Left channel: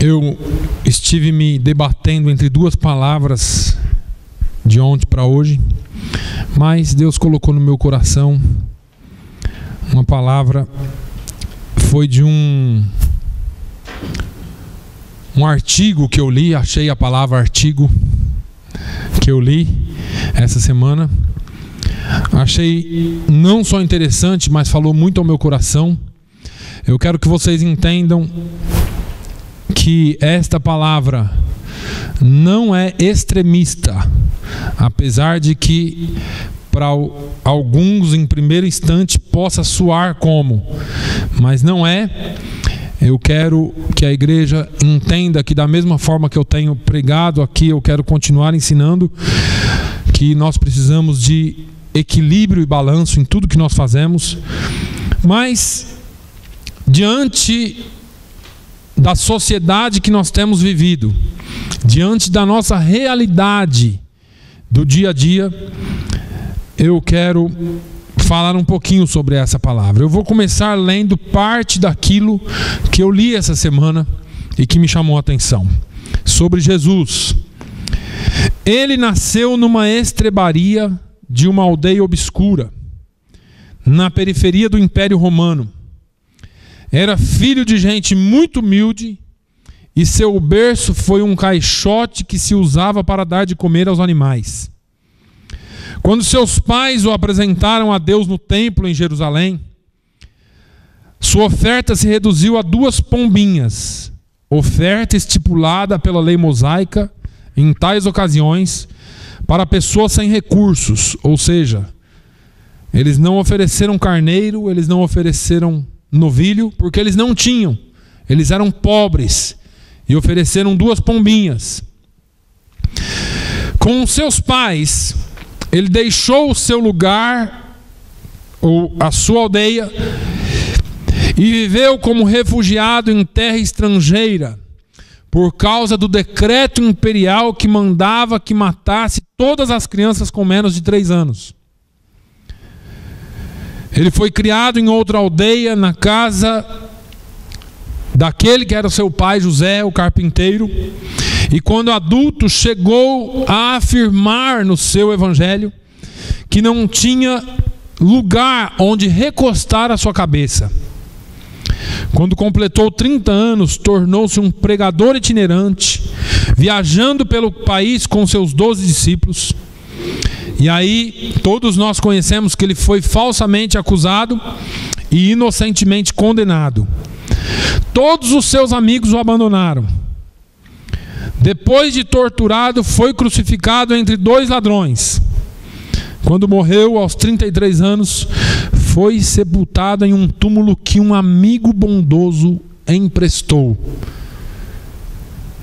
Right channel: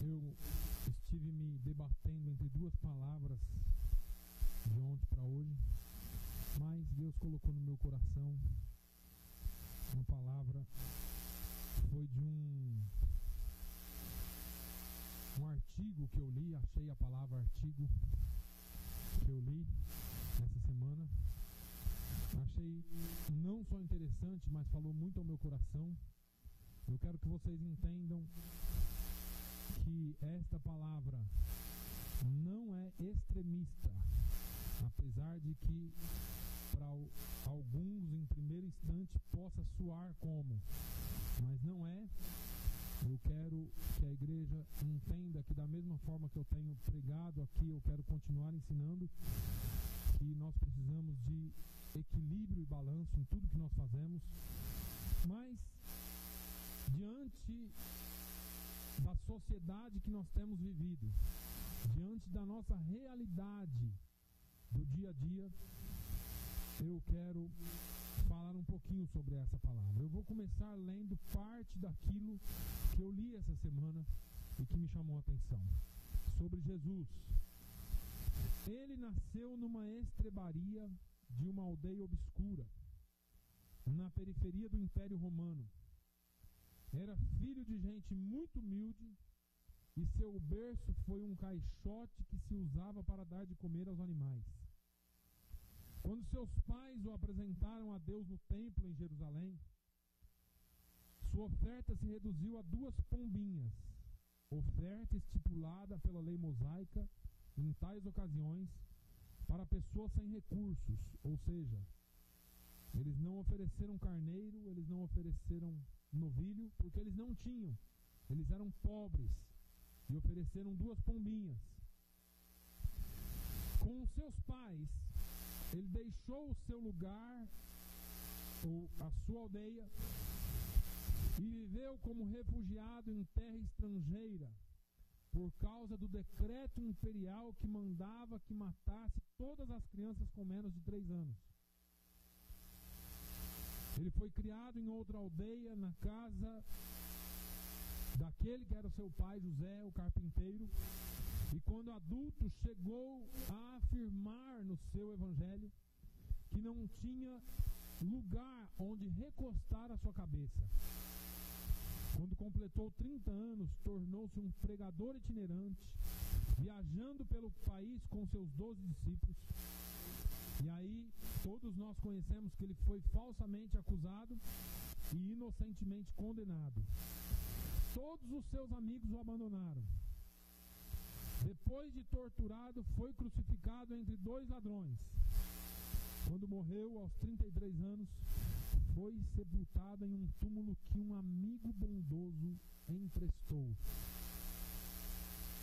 Eu estive me debatendo entre duas palavras de ontem para hoje, mas Deus colocou no meu coração uma palavra, foi de um artigo que eu li, achei a palavra artigo que eu li essa semana. Achei não só interessante, mas falou muito ao meu coração. Eu quero que vocês entendam que esta palavra não é extremista, apesar de que para alguns em primeiro instante possa soar como, mas não é. Eu quero que a igreja entenda que da mesma forma que eu tenho pregado aqui, eu quero continuar ensinando que nós precisamos de equilíbrio e balanço em tudo que nós fazemos, mas diante da sociedade que nós temos vivido, diante da nossa realidade do dia a dia, eu quero falar um pouquinho sobre essa palavra. Eu vou começar lendo parte daquilo que eu li essa semana e que me chamou a atenção. Sobre Jesus. Ele nasceu numa estrebaria de uma aldeia obscura, na periferia do Império Romano. Era filho de gente muito humilde e seu berço foi um caixote que se usava para dar de comer aos animais. Quando seus pais o apresentaram a Deus no templo em Jerusalém, sua oferta se reduziu a 2 pombinhas, oferta estipulada pela lei mosaica em tais ocasiões para pessoas sem recursos, ou seja, eles não ofereceram carneiro, eles não ofereceram novilho, porque eles não tinham, eles eram pobres e ofereceram 2 pombinhas. Com seus pais, ele deixou o seu lugar, ou a sua aldeia, e viveu como refugiado em terra estrangeira, por causa do decreto imperial que mandava que matasse todas as crianças com menos de 3 anos. Ele foi criado em outra aldeia, na casa daquele que era seu pai, José, o carpinteiro. E quando adulto, chegou a afirmar no seu evangelho que não tinha lugar onde recostar a sua cabeça. Quando completou 30 anos, tornou-se um pregador itinerante, viajando pelo país com seus 12 discípulos. E aí, todos nós conhecemos que ele foi falsamente acusado e inocentemente condenado. Todos os seus amigos o abandonaram. Depois de torturado, foi crucificado entre 2 ladrões. Quando morreu, aos 33 anos, foi sepultado em um túmulo que um amigo bondoso emprestou.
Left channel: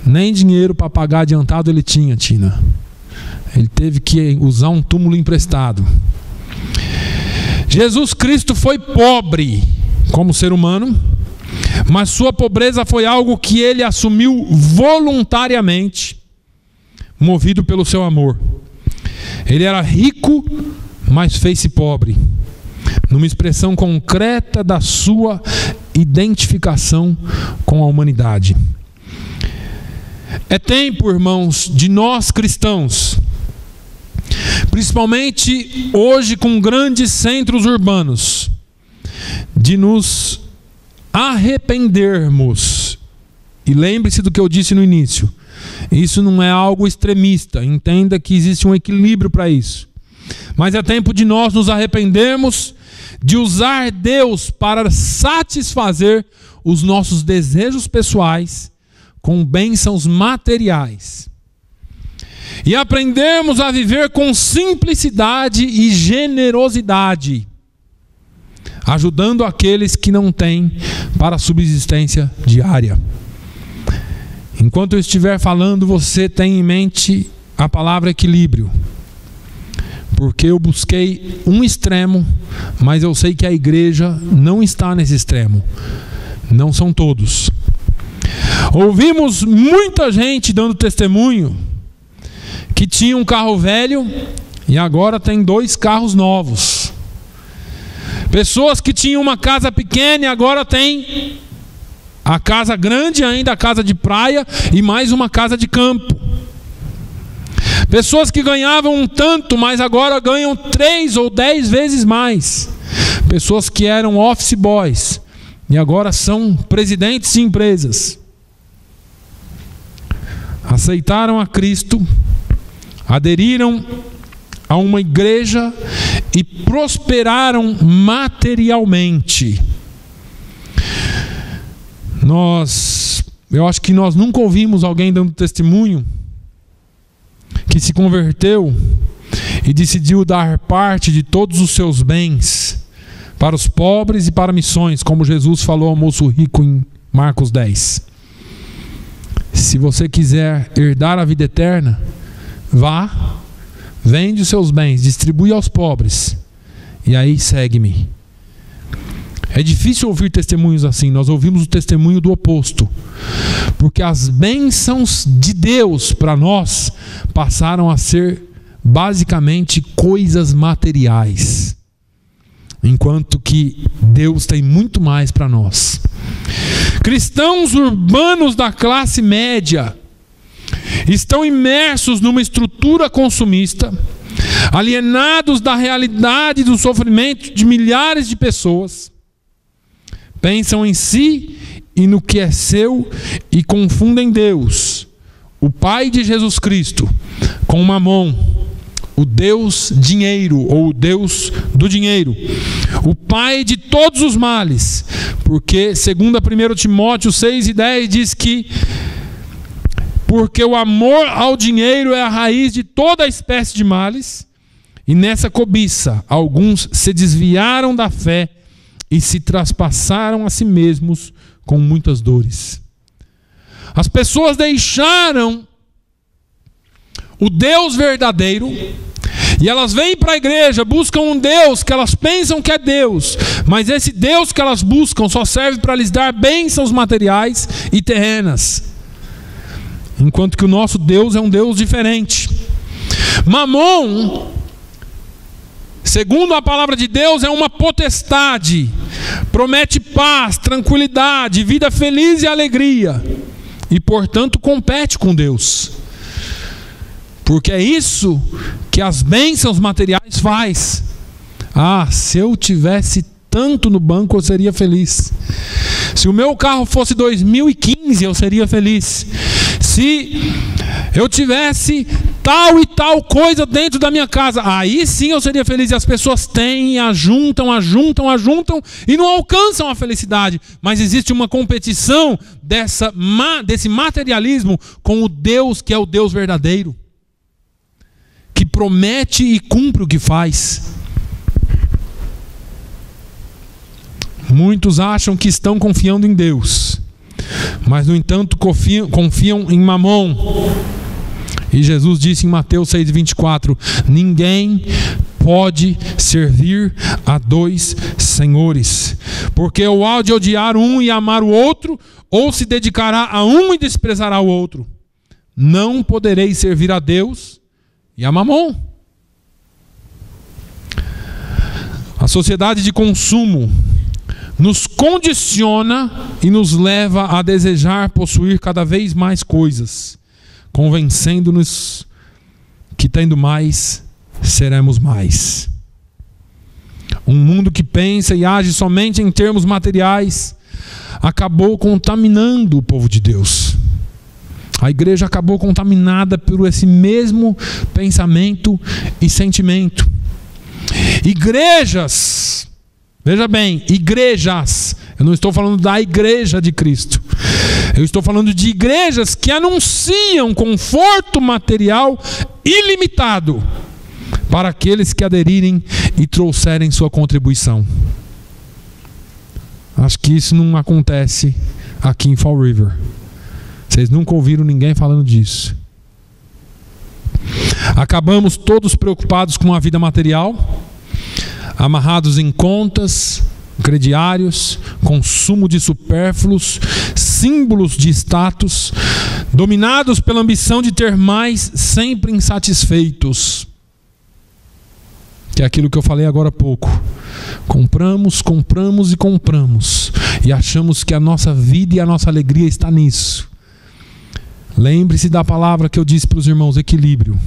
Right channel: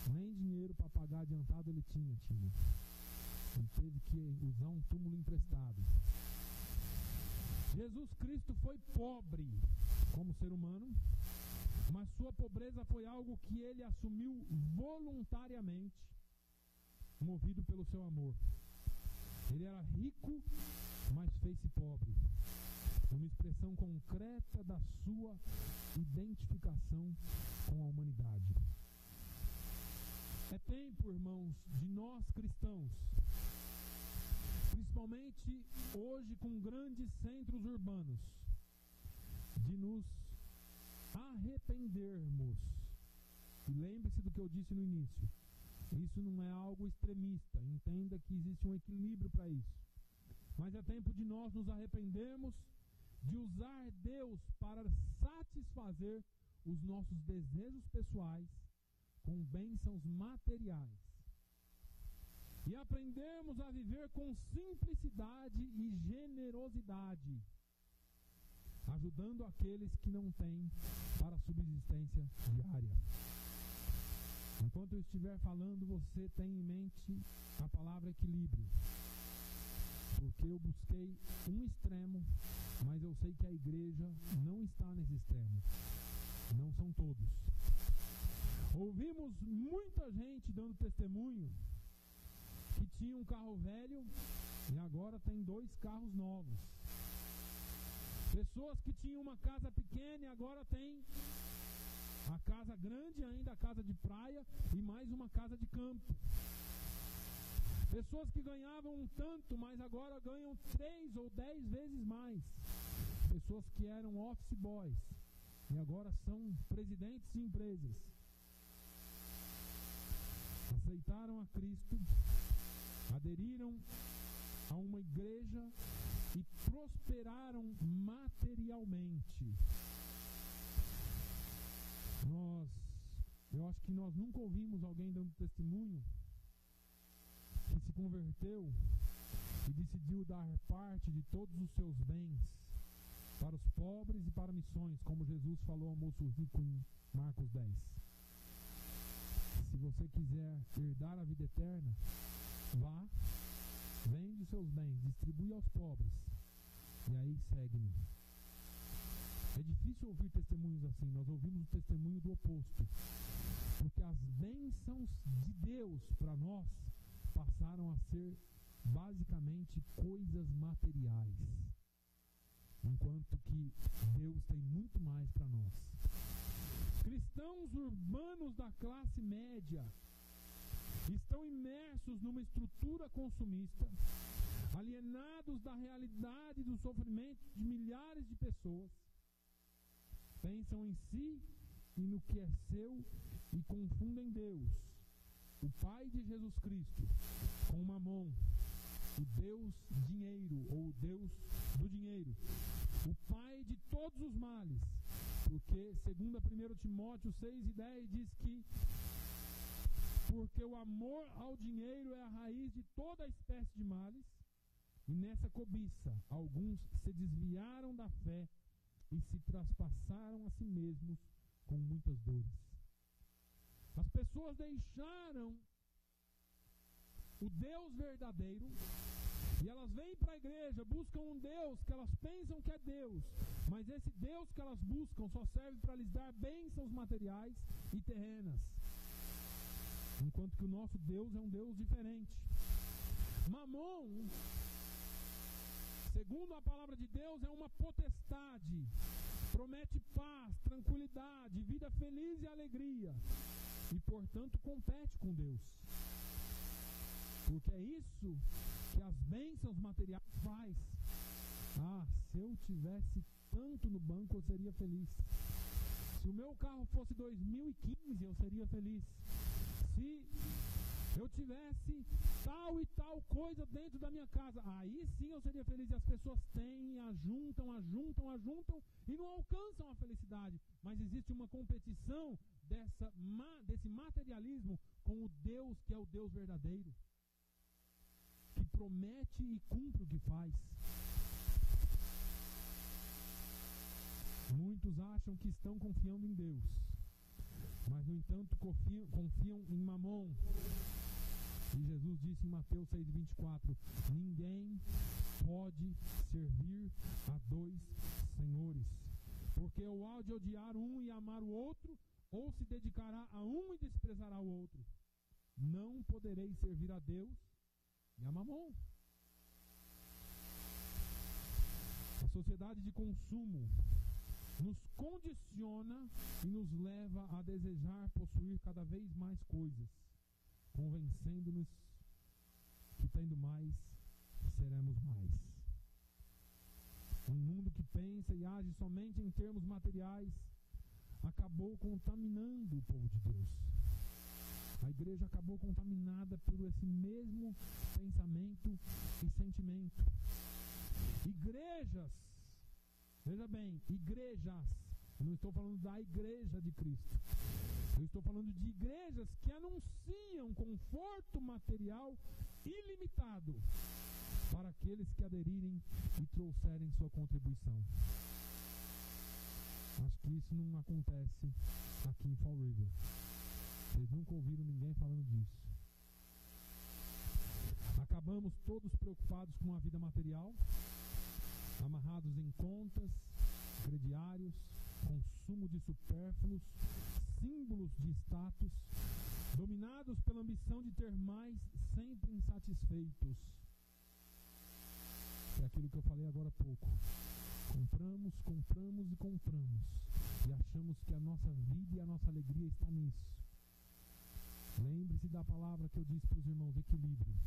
Nem dinheiro para pagar adiantado ele tinha, Tina. Ele teve que usar um túmulo emprestado. Jesus Cristo foi pobre como ser humano, mas sua pobreza foi algo que ele assumiu voluntariamente, movido pelo seu amor. Ele era rico, mas fez-se pobre, numa expressão concreta da sua identificação com a humanidade. É tempo, irmãos, de nós cristãos, principalmente hoje com grandes centros urbanos, de nos arrependermos. E lembre-se do que eu disse no início, isso não é algo extremista, entenda que existe um equilíbrio para isso, mas é tempo de nós nos arrependermos de usar Deus para satisfazer os nossos desejos pessoais com bênçãos materiais e aprendermos a viver com simplicidade e generosidade, ajudando aqueles que não têm para a subsistência diária. Enquanto eu estiver falando, você tem em mente a palavra equilíbrio, porque eu busquei um extremo, mas eu sei que a igreja não está nesse extremo, não são todos. Ouvimos muita gente dando testemunho que tinha um carro velho e agora tem 2 carros novos. Pessoas que tinham uma casa pequena e agora tem A casa grande ainda a casa de praia e mais uma casa de campo. Pessoas que ganhavam um tanto, mas agora ganham 3 ou 10 vezes mais. Pessoas que eram office boys e agora são presidentes de empresas. Aceitaram a Cristo, aderiram a uma igreja e prosperaram materialmente. Eu acho que nós nunca ouvimos alguém dando testemunho que se converteu e decidiu dar parte de todos os seus bens para os pobres e para missões, como Jesus falou ao moço rico em Marcos 10. Se você quiser herdar a vida eterna, vá, vende os seus bens, distribui aos pobres, e aí segue-me. É difícil ouvir testemunhos assim. Nós ouvimos o testemunho do oposto, porque as bênçãos de Deus para nós passaram a ser basicamente coisas materiais, enquanto que Deus tem muito mais para nós. Cristãos urbanos da classe média estão imersos numa estrutura consumista, alienados da realidade do sofrimento de milhares de pessoas. Pensam em si e no que é seu e confundem Deus, o Pai de Jesus Cristo, com Mamon, o Deus dinheiro ou o Deus do dinheiro, o pai de todos os males, porque segundo 1 Timóteo 6:10 diz que porque o amor ao dinheiro é a raiz de toda espécie de males, e nessa cobiça alguns se desviaram da fé e se traspassaram a si mesmos com muitas dores. As pessoas deixaram o Deus verdadeiro e elas vêm para a igreja, buscam um Deus que elas pensam que é Deus, mas esse Deus que elas buscam só serve para lhes dar bênçãos materiais e terrenas, enquanto que o nosso Deus é um Deus diferente. Mamon, segundo a palavra de Deus, é uma potestade, promete paz, tranquilidade, vida feliz e alegria, e portanto compete com Deus, porque é isso que as bênçãos materiais faz. Se eu tivesse tanto no banco eu seria feliz. Se o meu carro fosse 2015 eu seria feliz. Se eu tivesse tal e tal coisa dentro da minha casa, aí sim eu seria feliz. E as pessoas têm, ajuntam e não alcançam a felicidade. Mas existe uma competição desse materialismo com o Deus que é o Deus verdadeiro, que promete e cumpre o que faz. Muitos acham que estão confiando em Deus, mas no entanto confiam em Mamon. E Jesus disse em Mateus 6:24: ninguém pode servir a 2 senhores, porque ou há de odiar um e amar o outro, ou se dedicará a um e desprezará o outro. Não podereis servir a Deus e a Mamon. A sociedade de consumo nos condiciona e nos leva a desejar possuir cada vez mais coisas, convencendo-nos que tendo mais, seremos mais. Um mundo que pensa e age somente em termos materiais acabou contaminando o povo de Deus. A igreja acabou contaminada por esse mesmo pensamento e sentimento. Igrejas, veja bem, igrejas, eu não estou falando da igreja de Cristo, eu estou falando de igrejas que anunciam conforto material ilimitado para aqueles que aderirem e trouxerem sua contribuição. Acho que isso não acontece aqui em Fall River. Vocês nunca ouviram ninguém falando disso. Acabamos todos preocupados com a vida material, amarrados em contas, crediários, consumo de supérfluos, símbolos de status, dominados pela ambição de ter mais, sempre insatisfeitos. Que é aquilo que eu falei agora há pouco. Compramos, compramos e compramos. E achamos que a nossa vida e a nossa alegria está nisso. Lembre-se da palavra que eu disse para os irmãos: equilíbrio.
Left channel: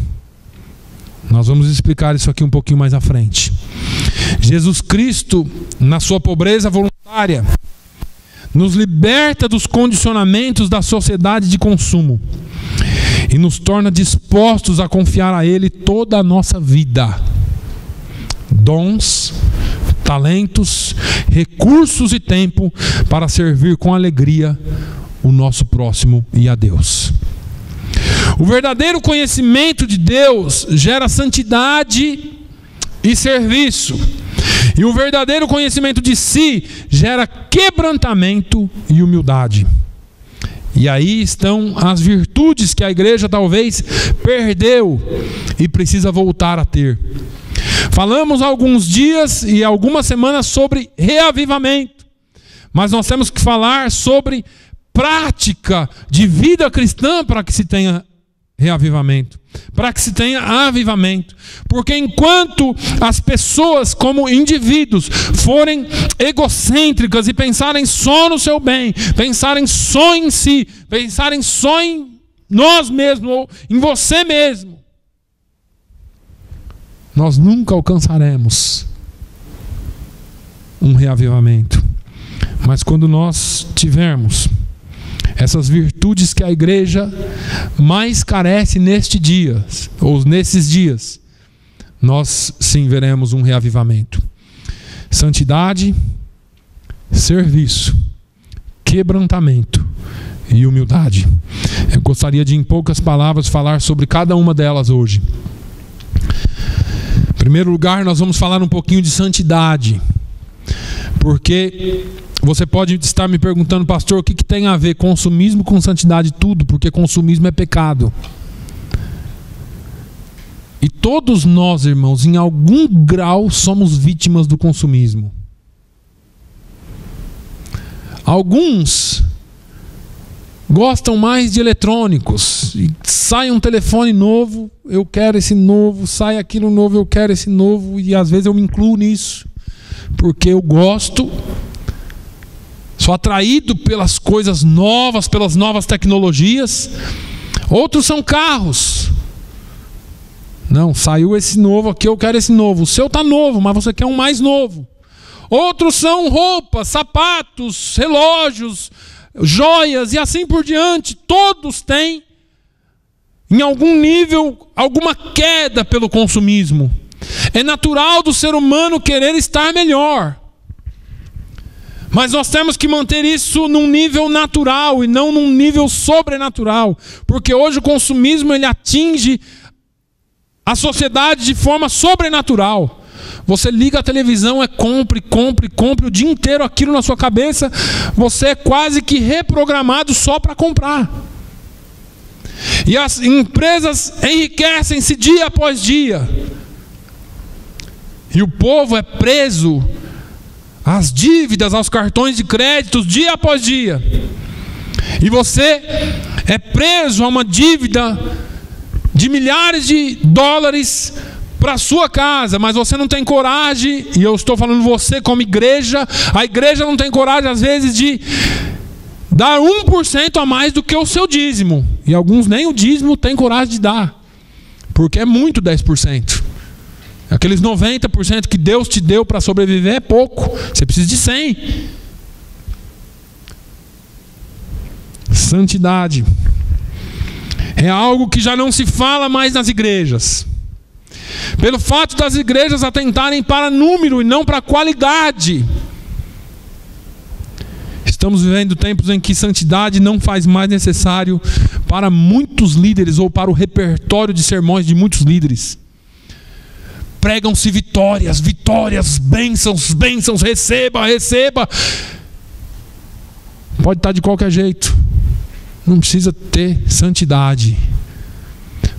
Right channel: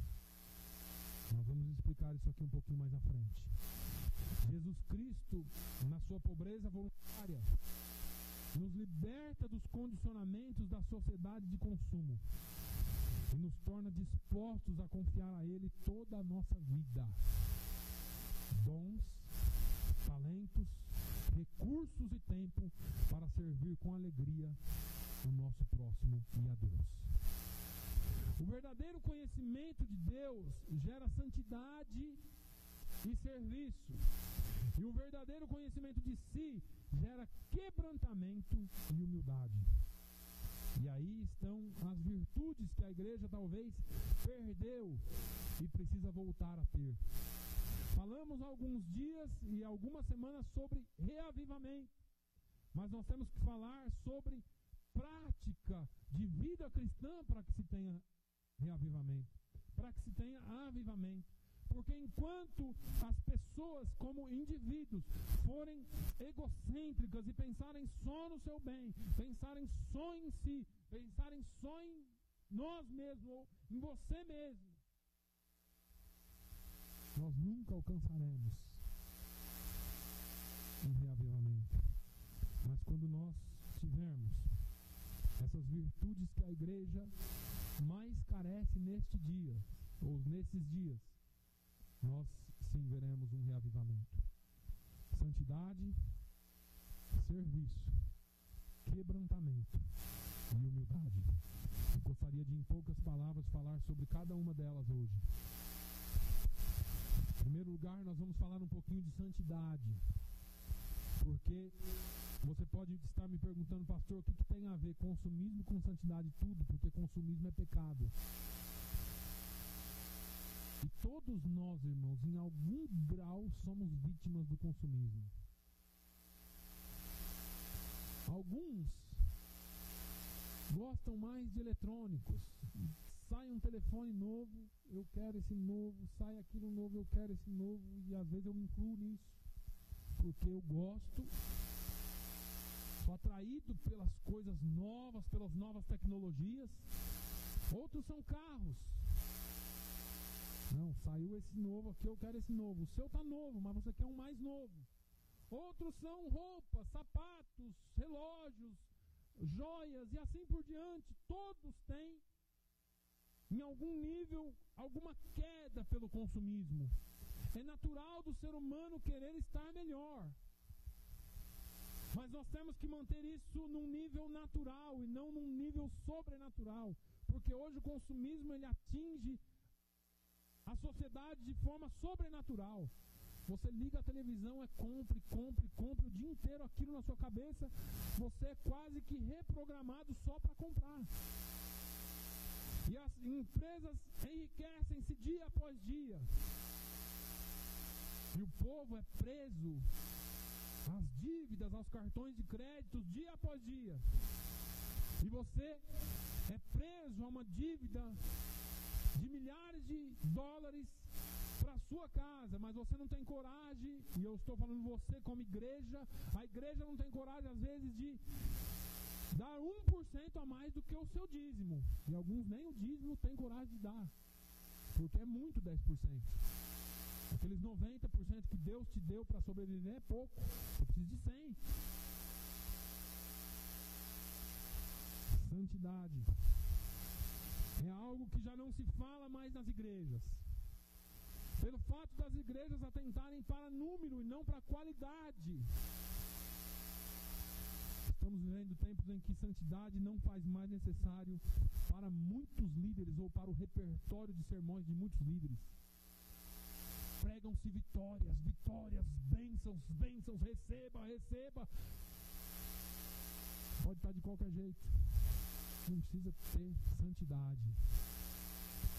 Nós vamos explicar isso aqui um pouquinho mais à frente. Jesus Cristo, na sua pobreza voluntária, nos liberta dos condicionamentos da sociedade de consumo e nos torna dispostos a confiar a Ele toda a nossa vida. Dons, talentos, recursos e tempo para servir com alegria o nosso próximo e a Deus. O verdadeiro conhecimento de Deus gera santidade e serviço. E o verdadeiro conhecimento de si gera quebrantamento e humildade. E aí estão as virtudes que a igreja talvez perdeu e precisa voltar a ter. Falamos há alguns dias e algumas semanas sobre reavivamento. Mas nós temos que falar sobre prática de vida cristã para que se tenha reavivamento, para que se tenha avivamento. Porque enquanto as pessoas como indivíduos forem egocêntricas e pensarem só no seu bem, pensarem só em si, pensarem só em nós mesmos ou em você mesmo, nós nunca alcançaremos um reavivamento. Mas quando nós tivermos essas virtudes que a igreja mais carece neste dia, ou nesses dias, nós sim veremos um reavivamento. Santidade, serviço, quebrantamento e humildade. Eu gostaria de, em poucas palavras, falar sobre cada uma delas hoje. Em primeiro lugar, nós vamos falar um pouquinho de santidade, porque você pode estar me perguntando: pastor, o que tem a ver consumismo com santidade? Tudo, porque consumismo é pecado. E todos nós, irmãos, em algum grau somos vítimas do consumismo. Alguns gostam mais de eletrônicos. E sai um telefone novo, eu quero esse novo. Sai aquilo novo, eu quero esse novo. E às vezes eu me incluo nisso, porque eu gosto. Sou atraído pelas coisas novas, pelas novas tecnologias. Outros são carros. Não, saiu esse novo aqui, eu quero esse novo. O seu está novo, mas você quer um mais novo. Outros são roupas, sapatos, relógios, joias e assim por diante. Todos têm, em algum nível, alguma queda pelo consumismo. É natural do ser humano querer estar melhor. Mas nós temos que manter isso num nível natural e não num nível sobrenatural. Porque hoje o consumismo ele atinge a sociedade de forma sobrenatural. Você liga a televisão, compre, compre, compre o dia inteiro aquilo na sua cabeça. Você é quase que reprogramado só para comprar. E as empresas enriquecem-se dia após dia. E o povo é preso às dívidas, aos cartões de crédito, dia após dia. E você é preso a uma dívida de milhares de dólares para a sua casa, mas você não tem coragem, e eu estou falando você como igreja, a igreja não tem coragem às vezes de dar 1% a mais do que o seu dízimo. E alguns nem o dízimo têm coragem de dar, porque é muito 10%. Aqueles 90% que Deus te deu para sobreviver é pouco. Você precisa de 100. Santidade é algo que já não se fala mais nas igrejas. Pelo fato das igrejas atentarem para número e não para qualidade. Estamos vivendo tempos em que santidade não faz mais necessário para muitos líderes ou para o repertório de sermões de muitos líderes. Pregam-se vitórias, vitórias, bênçãos, bênçãos, receba, receba. Pode estar de qualquer jeito. Não precisa ter santidade.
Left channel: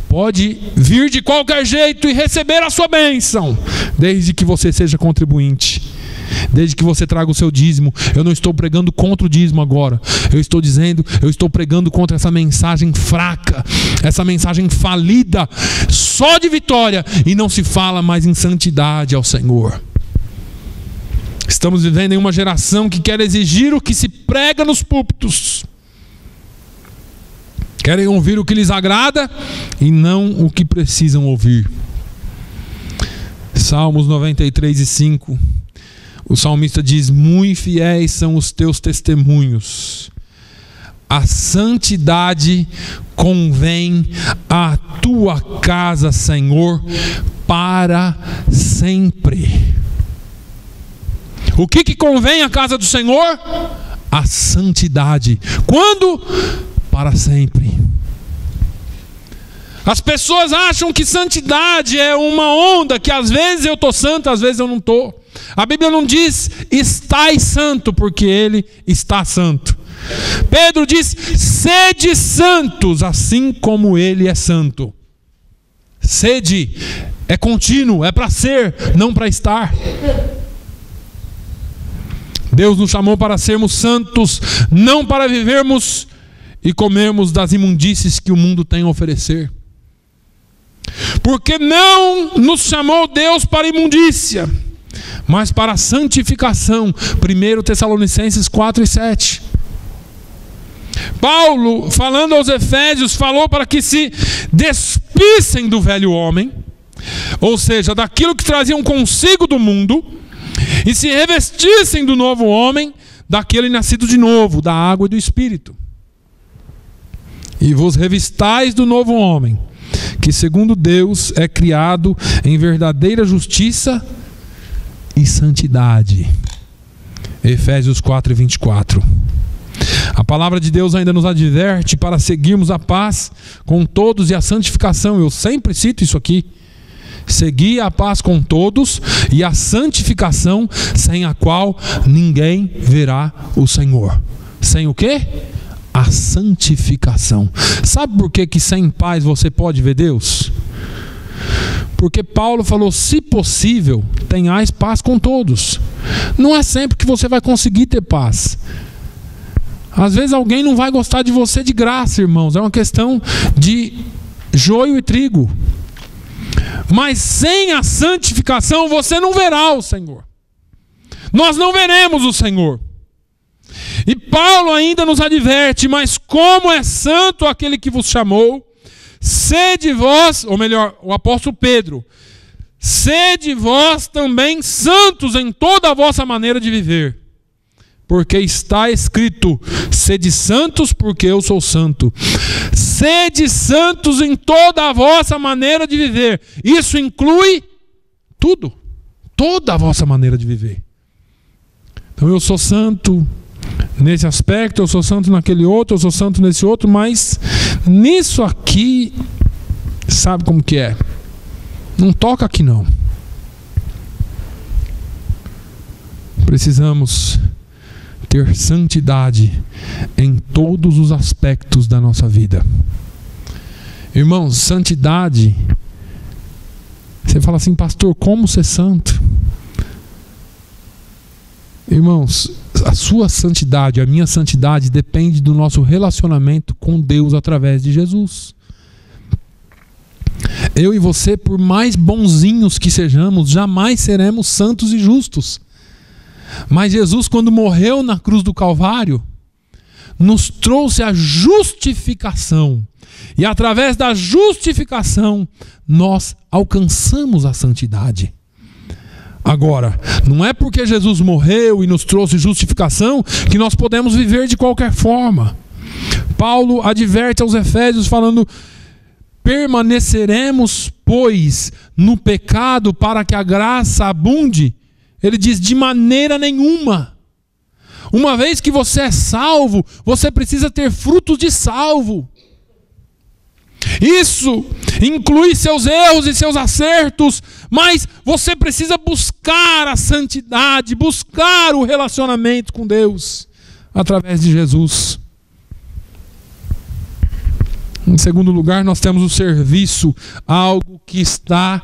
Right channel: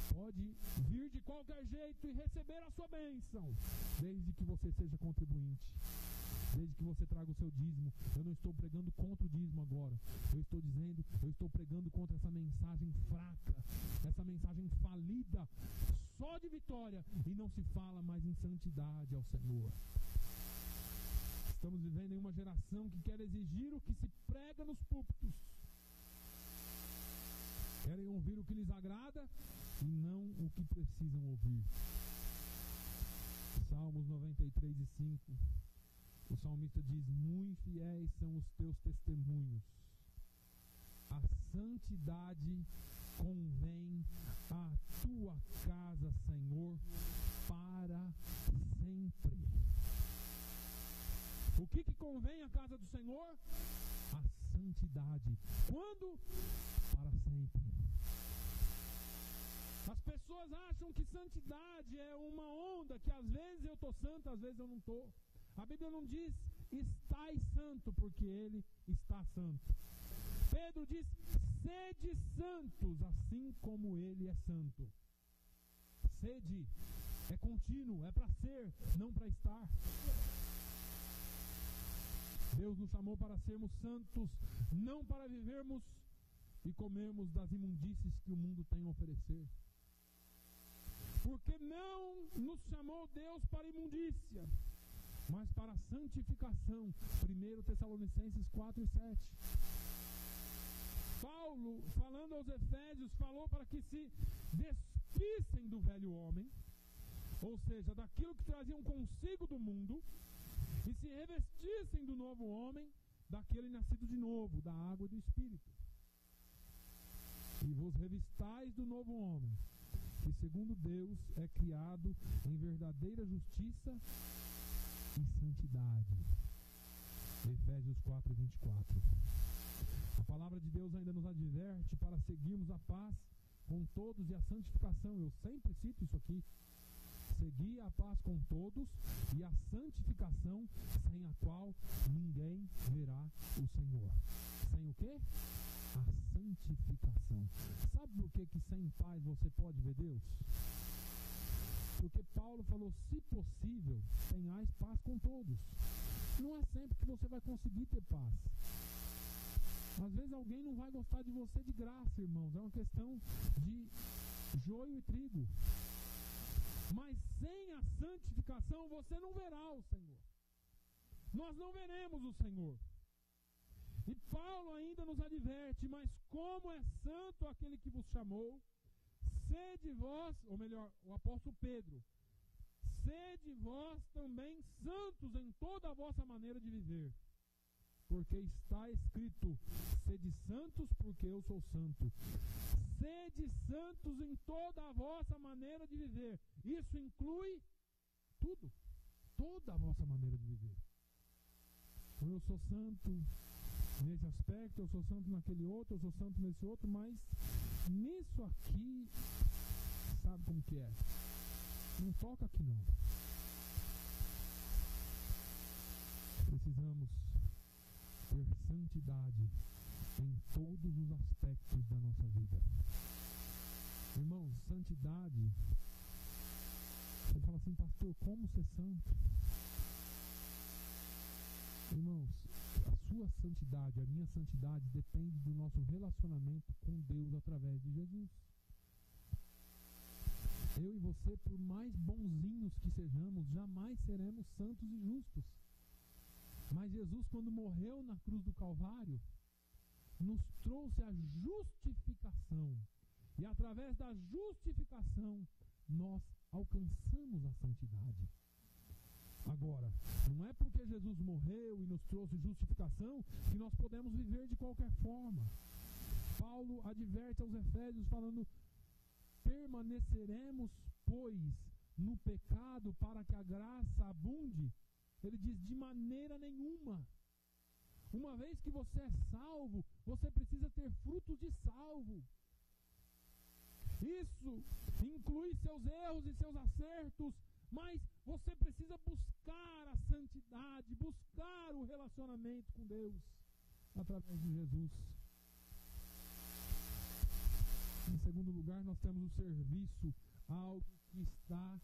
Pode vir de qualquer jeito e receber a sua bênção, desde que você seja contribuinte, desde que você traga o seu dízimo. Eu não estou pregando contra o dízimo agora. Eu estou pregando contra essa mensagem fraca, essa mensagem falida, só de vitória, e não se fala mais em santidade ao Senhor. Estamos vivendo em uma geração que quer exigir o que se prega nos púlpitos. Querem ouvir o que lhes agrada e não o que precisam ouvir. Salmos 93:5. O salmista diz: muito fiéis são os teus testemunhos. A santidade convém à tua casa, Senhor, para sempre. O que convém à casa do Senhor? A santidade. Quando? Para sempre. As pessoas acham que santidade é uma onda, que às vezes eu estou santo, às vezes eu não estou. A Bíblia não diz estai santo, porque Ele está santo. Pedro diz: sede santos, assim como Ele é santo. Sede é contínuo, é para ser, não para estar. Deus nos chamou para sermos santos, não para vivermos e comermos das imundícies que o mundo tem a oferecer. Porque não nos chamou Deus para imundícia, mas para a santificação. 1 Tessalonicenses 4:7. Paulo, falando aos Efésios, falou para que se despissem do velho homem, ou seja, daquilo que traziam consigo do mundo, e se revestissem do novo homem, daquele nascido de novo, da água e do Espírito. E vos revistais do novo homem, que segundo Deus é criado em verdadeira justiça e santidade. Efésios 4:24. A palavra de Deus ainda nos adverte para seguirmos a paz com todos e a santificação. Eu sempre cito isso aqui. Seguir a paz com todos e a santificação, sem a qual ninguém verá o Senhor. Sem o quê? A santificação. Sabe por que sem paz você pode ver Deus? Porque Paulo falou: se possível, tenhais paz com todos. Não é sempre que você vai conseguir ter paz. Às vezes alguém não vai gostar de você de graça, irmãos. É uma questão de joio e trigo. Mas sem a santificação você não verá o Senhor. Nós não veremos o Senhor. E Paulo ainda nos adverte: mas como é santo aquele que vos chamou, sede vós, ou melhor, o apóstolo Pedro, sede vós também santos em toda a vossa maneira de viver. Porque está escrito: sede santos, porque eu sou santo. Sede santos em toda a vossa maneira de viver. Isso inclui tudo, toda a vossa maneira de viver. Então eu sou santo nesse aspecto, eu sou santo naquele outro, eu sou santo nesse outro, mas nisso aqui, sabe como que é? Não toca aqui não. Precisamos ter santidade em todos os aspectos da nossa vida. Irmãos, santidade, você fala assim: pastor, como ser santo? Irmãos, a sua santidade, a minha santidade depende do nosso relacionamento com Deus através de Jesus. Eu e você, por mais bonzinhos que sejamos, jamais seremos santos e justos. Mas Jesus, quando morreu na cruz do Calvário, nos trouxe a justificação. E através da justificação, nós alcançamos a santidade. Agora, não é porque Jesus morreu e nos trouxe justificação que nós podemos viver de qualquer forma. Paulo adverte aos Efésios falando: permaneceremos, pois, no pecado para que a graça abunde? Ele diz: de maneira nenhuma. Uma vez que você é salvo, você precisa ter frutos de salvo. Isso inclui seus erros e seus acertos, mas você precisa buscar a santidade, buscar o relacionamento com Deus através de Jesus. Em segundo lugar, nós temos o serviço, algo que está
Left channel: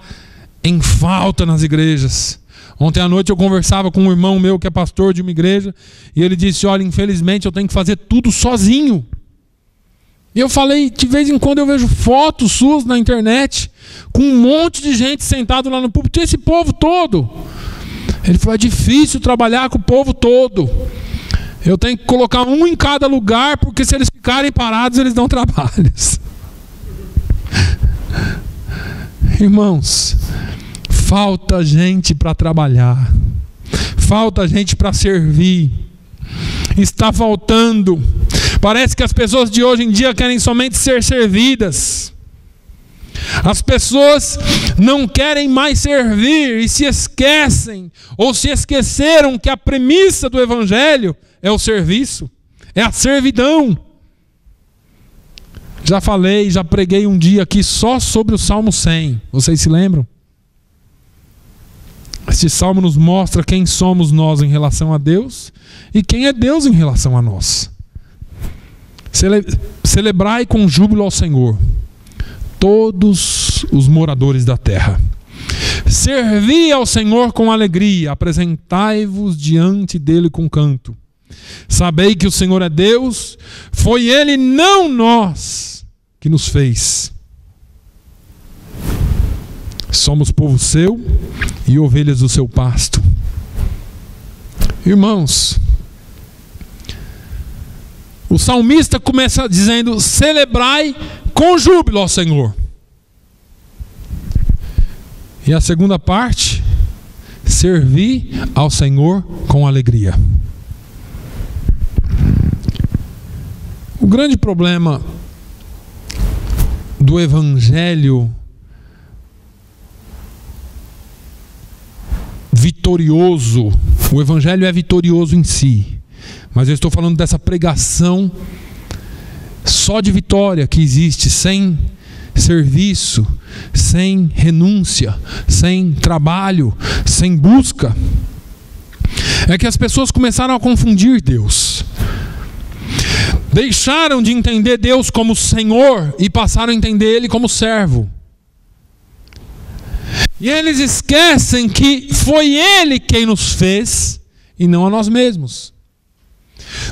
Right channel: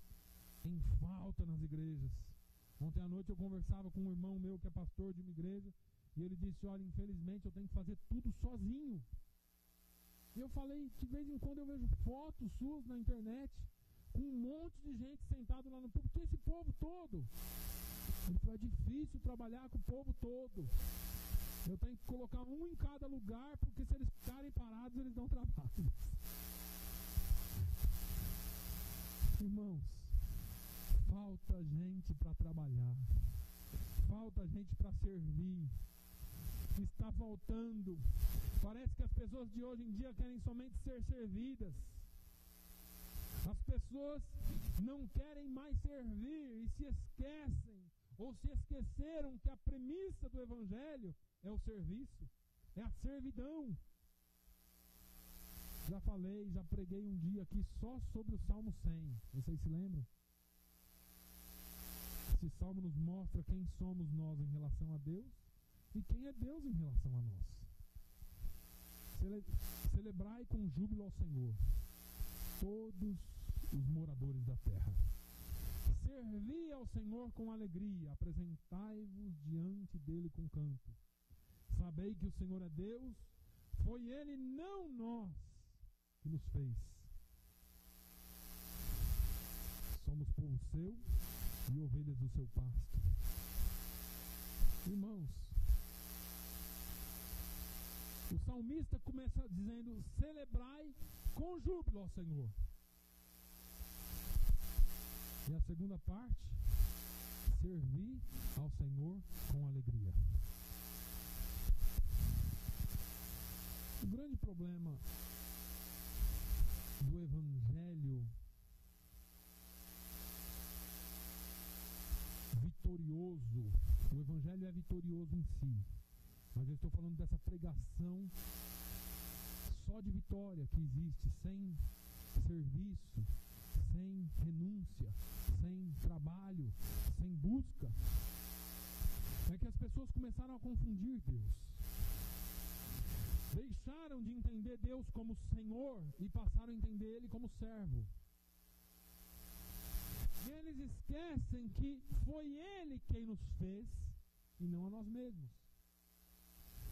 em falta nas igrejas. Ontem à noite eu conversava com um irmão meu que é pastor de uma igreja, e ele disse: olha, infelizmente eu tenho que fazer tudo sozinho. E eu falei: de vez em quando eu vejo fotos suas na internet, com um monte de gente sentado lá no púlpito, esse povo todo. Ele falou: é difícil trabalhar com o povo todo. Eu tenho que colocar um em cada lugar, porque se eles ficarem parados, eles dão trabalhos. Irmãos, falta gente para trabalhar, falta gente para servir, está faltando. Parece que as pessoas de hoje em dia querem somente ser servidas. As pessoas não querem mais servir e se esquecem, ou se esqueceram que a premissa do Evangelho é o serviço, é a servidão. Já falei, já preguei um dia aqui só sobre o Salmo 100. Vocês se lembram? Este salmo nos mostra quem somos nós em relação a Deus e quem é Deus em relação a nós. Celebrai com júbilo ao Senhor, todos os moradores da terra. Servi ao Senhor com alegria, apresentai-vos diante dele com canto. Sabei que o Senhor é Deus, foi Ele, não nós, que nos fez. Somos povo seu e ovelhas do seu pasto. Irmãos, o salmista começa dizendo: celebrai com júbilo ao Senhor. E a segunda parte: servi ao Senhor com alegria. O grande problema do Evangelho vitorioso, o Evangelho é vitorioso em si, mas eu estou falando dessa pregação só de vitória que existe, sem serviço, sem renúncia, sem trabalho, sem busca. É que as pessoas começaram a confundir Deus. Deixaram de entender Deus como Senhor e passaram a entender Ele como servo. E eles esquecem que foi Ele quem nos fez e não a nós mesmos.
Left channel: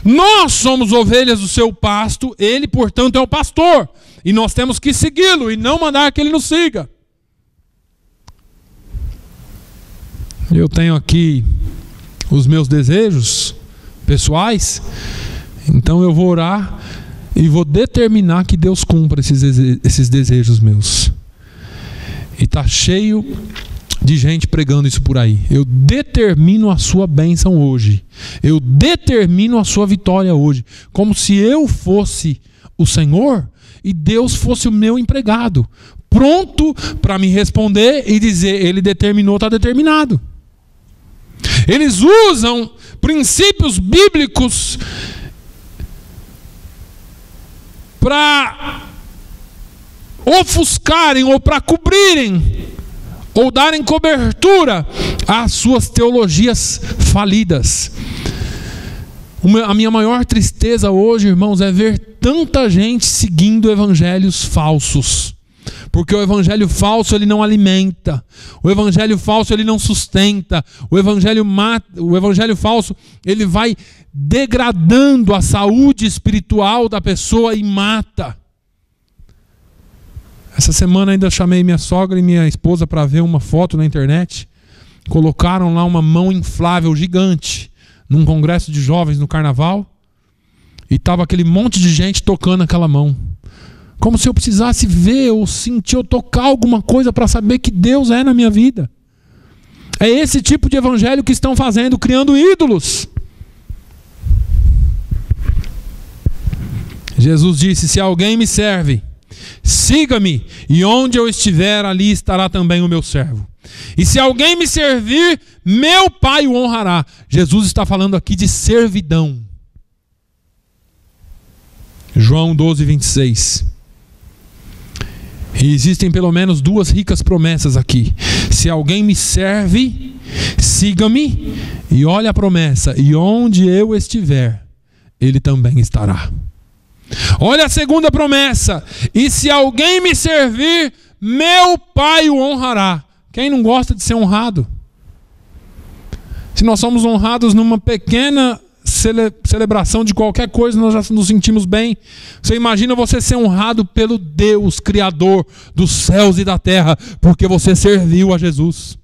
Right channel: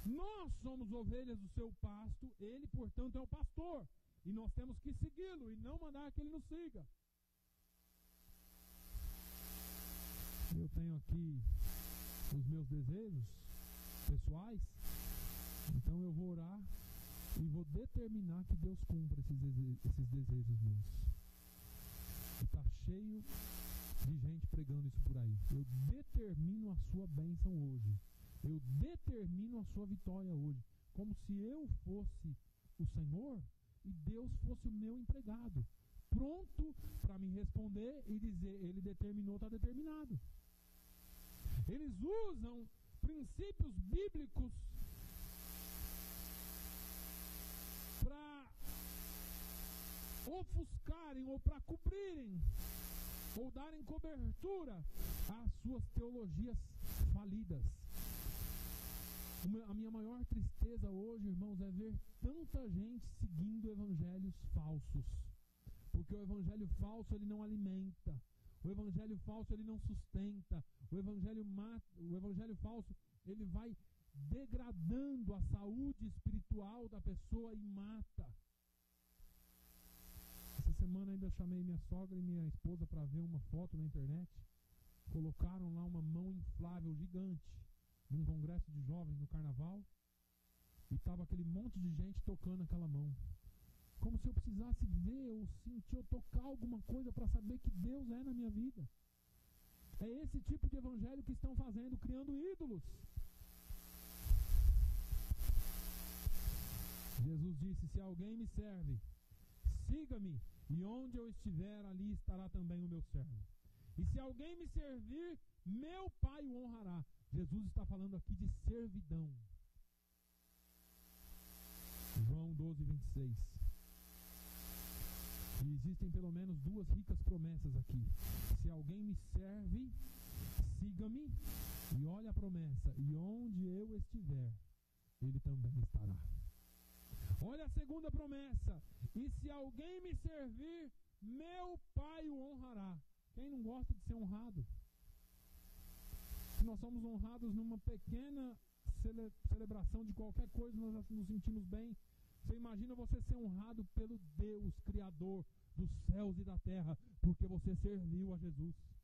Nós somos ovelhas do seu pasto, Ele, portanto, é o pastor. E nós temos que segui-lo e não mandar que Ele nos siga. Eu tenho aqui os meus desejos pessoais. Então eu vou orar e vou determinar que Deus cumpra esses desejos meus. E está cheio de gente pregando isso por aí. Eu determino a sua bênção hoje. Eu determino a sua vitória hoje. Como se eu fosse o Senhor e Deus fosse o meu empregado, pronto para me responder e dizer: Ele determinou, está determinado. Eles usam princípios bíblicos para ofuscarem ou para cobrirem ou darem cobertura às suas teologias falidas. A minha maior tristeza hoje, irmãos, é ver tanta gente seguindo evangelhos falsos. Porque o evangelho falso ele não alimenta, o evangelho falso ele não sustenta, o evangelho falso ele vai degradando a saúde espiritual da pessoa e mata. Essa semana ainda chamei minha sogra e minha esposa para ver uma foto na internet. Colocaram lá uma mão inflável gigante num congresso de jovens no carnaval e estava aquele monte de gente tocando aquela mão. Como se eu precisasse ver ou sentir ou tocar alguma coisa para saber que Deus é na minha vida. É esse tipo de evangelho que estão fazendo, criando ídolos. Jesus disse: se alguém me serve, siga-me, e onde eu estiver, ali estará também o meu servo. E se alguém me servir, meu Pai o honrará. Jesus está falando aqui de servidão. João 12, 26. E existem pelo menos duas ricas promessas aqui. Se alguém me serve, siga-me, e olha a promessa: e onde eu estiver, ele também estará. Olha a segunda promessa: e se alguém me servir, meu Pai o honrará. Quem não gosta de ser honrado? Se nós somos honrados numa pequena celebração de qualquer coisa, nós já nos sentimos bem. Você imagina você ser honrado pelo Deus Criador dos céus e da terra, porque você serviu a Jesus.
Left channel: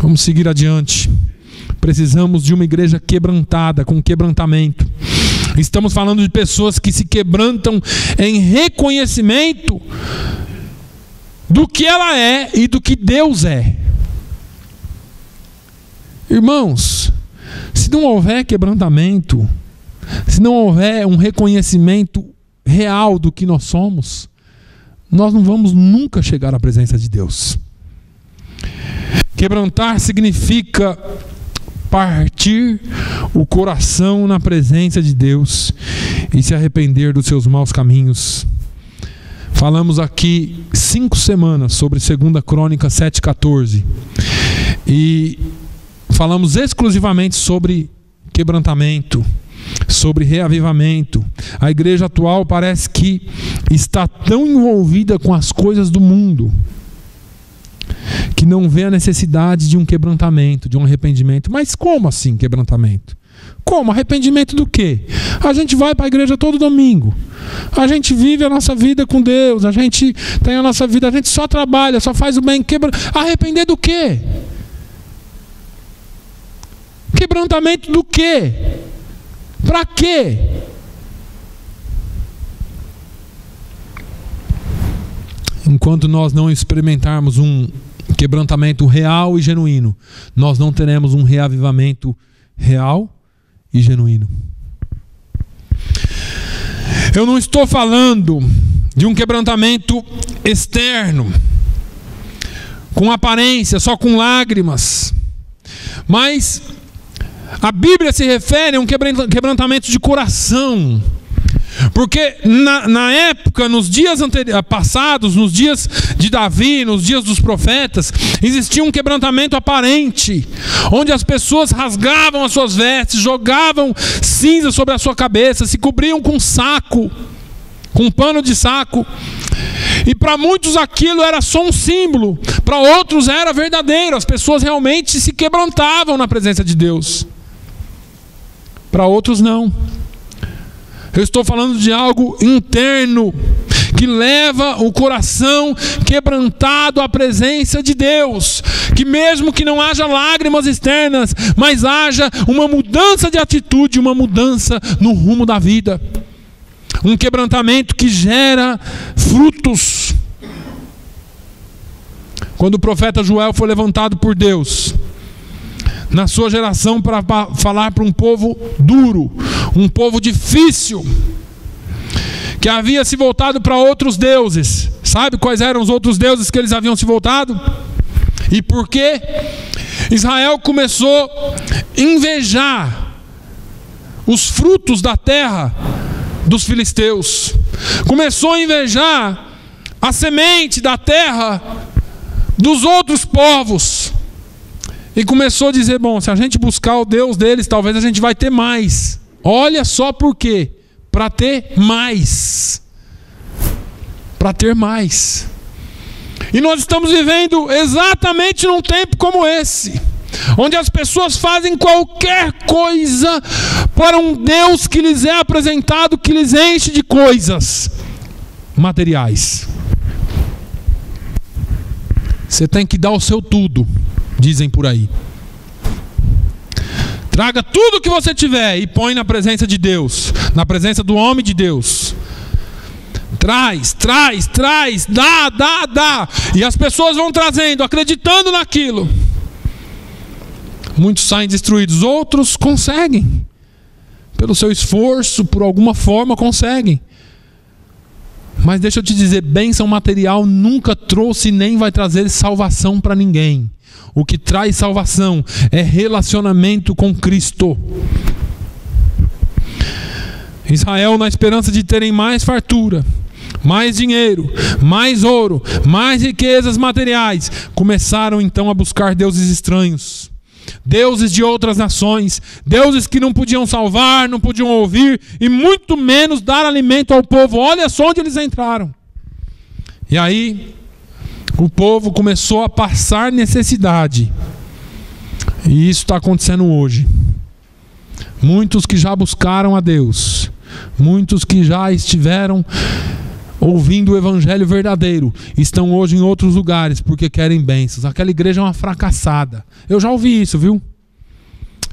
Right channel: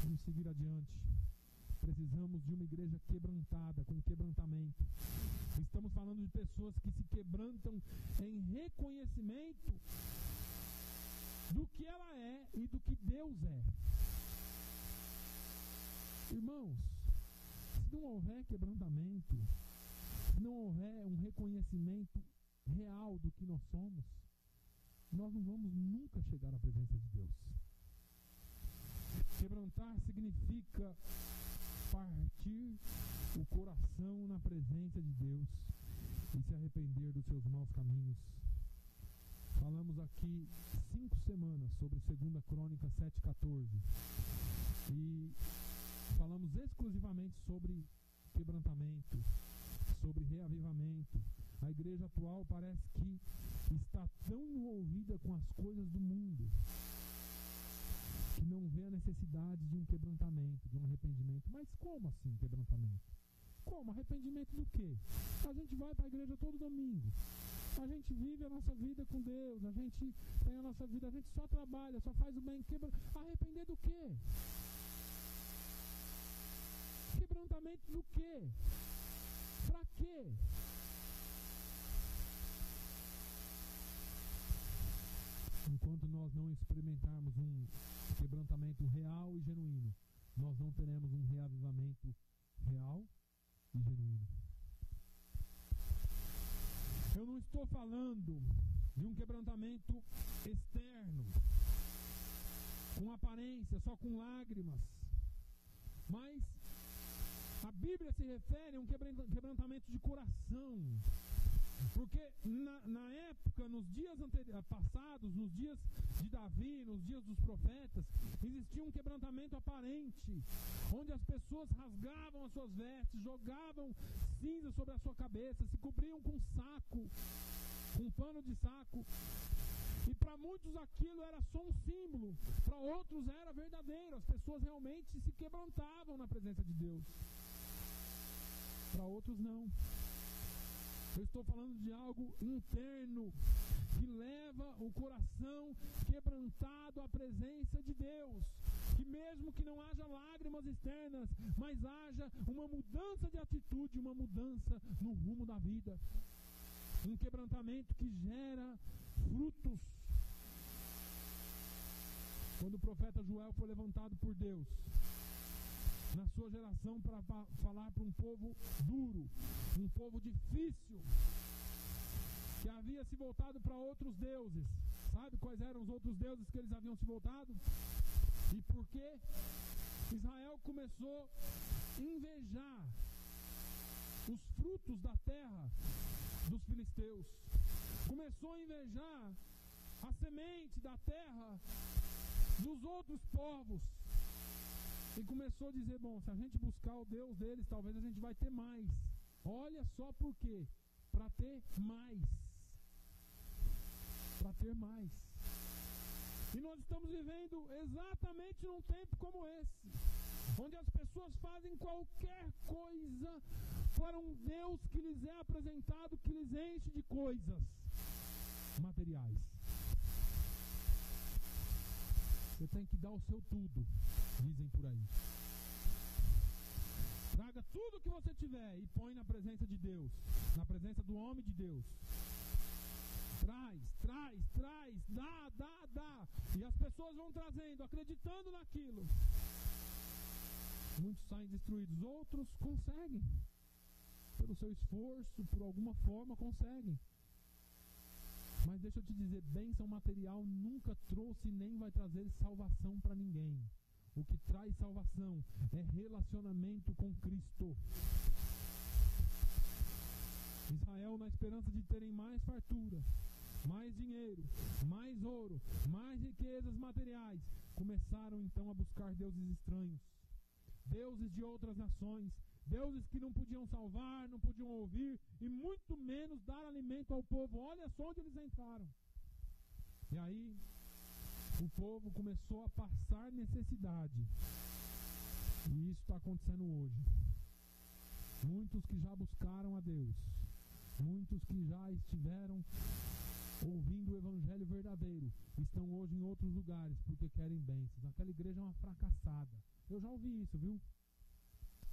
Vamos seguir adiante. Precisamos de uma igreja quebrantada, com quebrantamento. Estamos falando de pessoas que se quebrantam em reconhecimento do que ela é e do que Deus é. Irmãos, se não houver quebrantamento, se não houver um reconhecimento real do que nós somos, nós não vamos nunca chegar à presença de Deus. Quebrantar significa partir o coração na presença de Deus e se arrepender dos seus maus caminhos. Falamos aqui 5 semanas sobre 2 Crônicas 7,14 e falamos exclusivamente sobre quebrantamento, sobre reavivamento. A igreja atual parece que está tão envolvida com as coisas do mundo que não vê a necessidade de um quebrantamento, de um arrependimento. Mas como assim quebrantamento? Como? Arrependimento do quê? A gente vai para a igreja todo domingo. A gente vive a nossa vida com Deus. A gente tem a nossa vida, a gente só trabalha, só faz o bem. Arrepender do quê? Quebrantamento do quê? Para quê? Enquanto nós não experimentarmos um quebrantamento real e genuíno, nós não teremos um reavivamento real e genuíno. Eu não estou falando de um quebrantamento externo, com aparência, só com lágrimas, mas a Bíblia se refere a um quebrantamento de coração. Porque na época, nos dias passados, nos dias de Davi, nos dias dos profetas, existia um quebrantamento aparente, onde as pessoas rasgavam as suas vestes, jogavam cinza sobre a sua cabeça, se cobriam com saco, com um pano de saco. E para muitos aquilo era só um símbolo, para outros era verdadeiro, as pessoas realmente se quebrantavam na presença de Deus. Para outros não. Eu estou falando de algo interno, que leva o coração quebrantado à presença de Deus. Que mesmo que não haja lágrimas externas, mas haja uma mudança de atitude, uma mudança no rumo da vida. Um quebrantamento que gera frutos. Quando o profeta Joel foi levantado por Deus na sua geração para falar para um povo duro, um povo difícil, que havia se voltado para outros deuses. Sabe quais eram os outros deuses que eles haviam se voltado? E por quê? Israel começou a invejar os frutos da terra dos filisteus. Começou a invejar a semente da terra dos outros povos. E começou a dizer, bom, se a gente buscar o Deus deles, talvez a gente vai ter mais. Olha só por quê. Para ter mais. Para ter mais. E nós estamos vivendo exatamente num tempo como esse, onde as pessoas fazem qualquer coisa para um Deus que lhes é apresentado, que lhes enche de coisas materiais. Você tem que dar o seu tudo, dizem por aí. Traga tudo que você tiver e põe na presença de Deus, na presença do homem de Deus. Traz, dá. E as pessoas vão trazendo, acreditando naquilo. Muitos saem destruídos, outros conseguem. Pelo seu esforço, por alguma forma conseguem. Mas deixa eu te dizer, bênção material nunca trouxe nem vai trazer salvação para ninguém. O que traz salvação é relacionamento com Cristo. Israel, na esperança de terem mais fartura, mais dinheiro, mais ouro, mais riquezas materiais, começaram então a buscar deuses estranhos, deuses de outras nações, deuses que não podiam salvar, não podiam ouvir e muito menos dar alimento ao povo. Olha só onde eles entraram. E aí o povo começou a passar necessidade. E isso está acontecendo hoje. Muitos que já buscaram a Deus, muitos que já estiveram ouvindo o evangelho verdadeiro, estão hoje em outros lugares porque querem bênçãos. Aquela igreja é uma fracassada. Eu já ouvi isso, viu?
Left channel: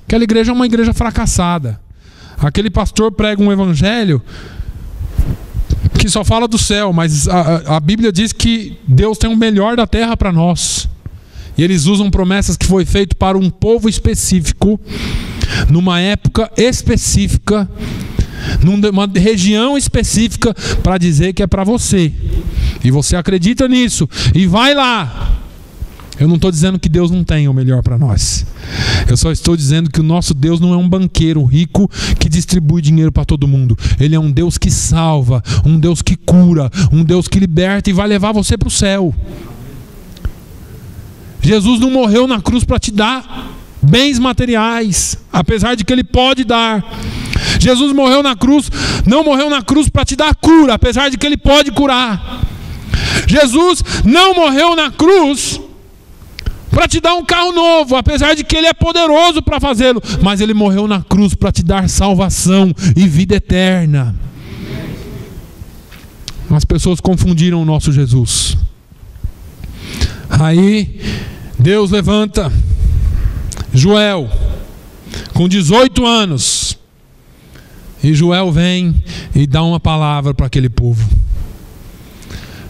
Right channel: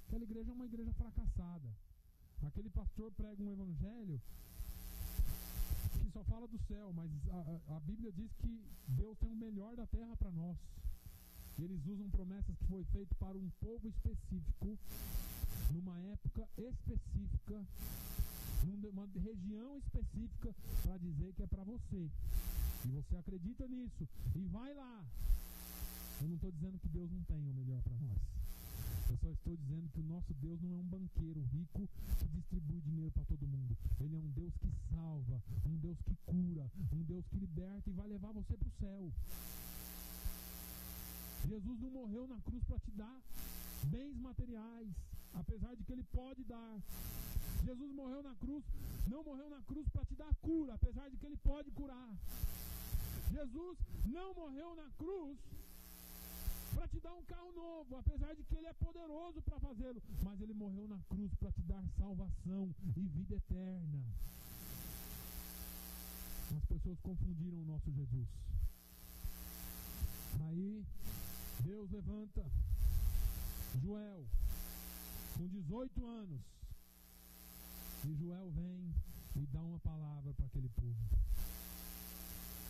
Aquela igreja é uma igreja fracassada. Aquele pastor prega um evangelho que só fala do céu, mas a Bíblia diz que Deus tem o melhor da terra para nós. E eles usam promessas que foi feito para um povo específico, numa época específica, numa região específica, para dizer que é para você. E você acredita nisso e vai lá. Eu não estou dizendo que Deus não tem o melhor para nós. Eu só estou dizendo que o nosso Deus não é um banqueiro rico que distribui dinheiro para todo mundo. Ele é um Deus que salva, um Deus que cura, um Deus que liberta e vai levar você para o céu. Jesus não morreu na cruz para te dar bens materiais, apesar de que Ele pode dar. Jesus morreu na cruz, não morreu na cruz para te dar cura, apesar de que Ele pode curar. Jesus não morreu na cruz para te dar um carro novo, apesar de que Ele é poderoso para fazê-lo, mas Ele morreu na cruz para te dar salvação e vida eterna. As pessoas confundiram o nosso Jesus. Aí Deus levanta Joel com 18 anos, e Joel vem e dá uma palavra para aquele povo.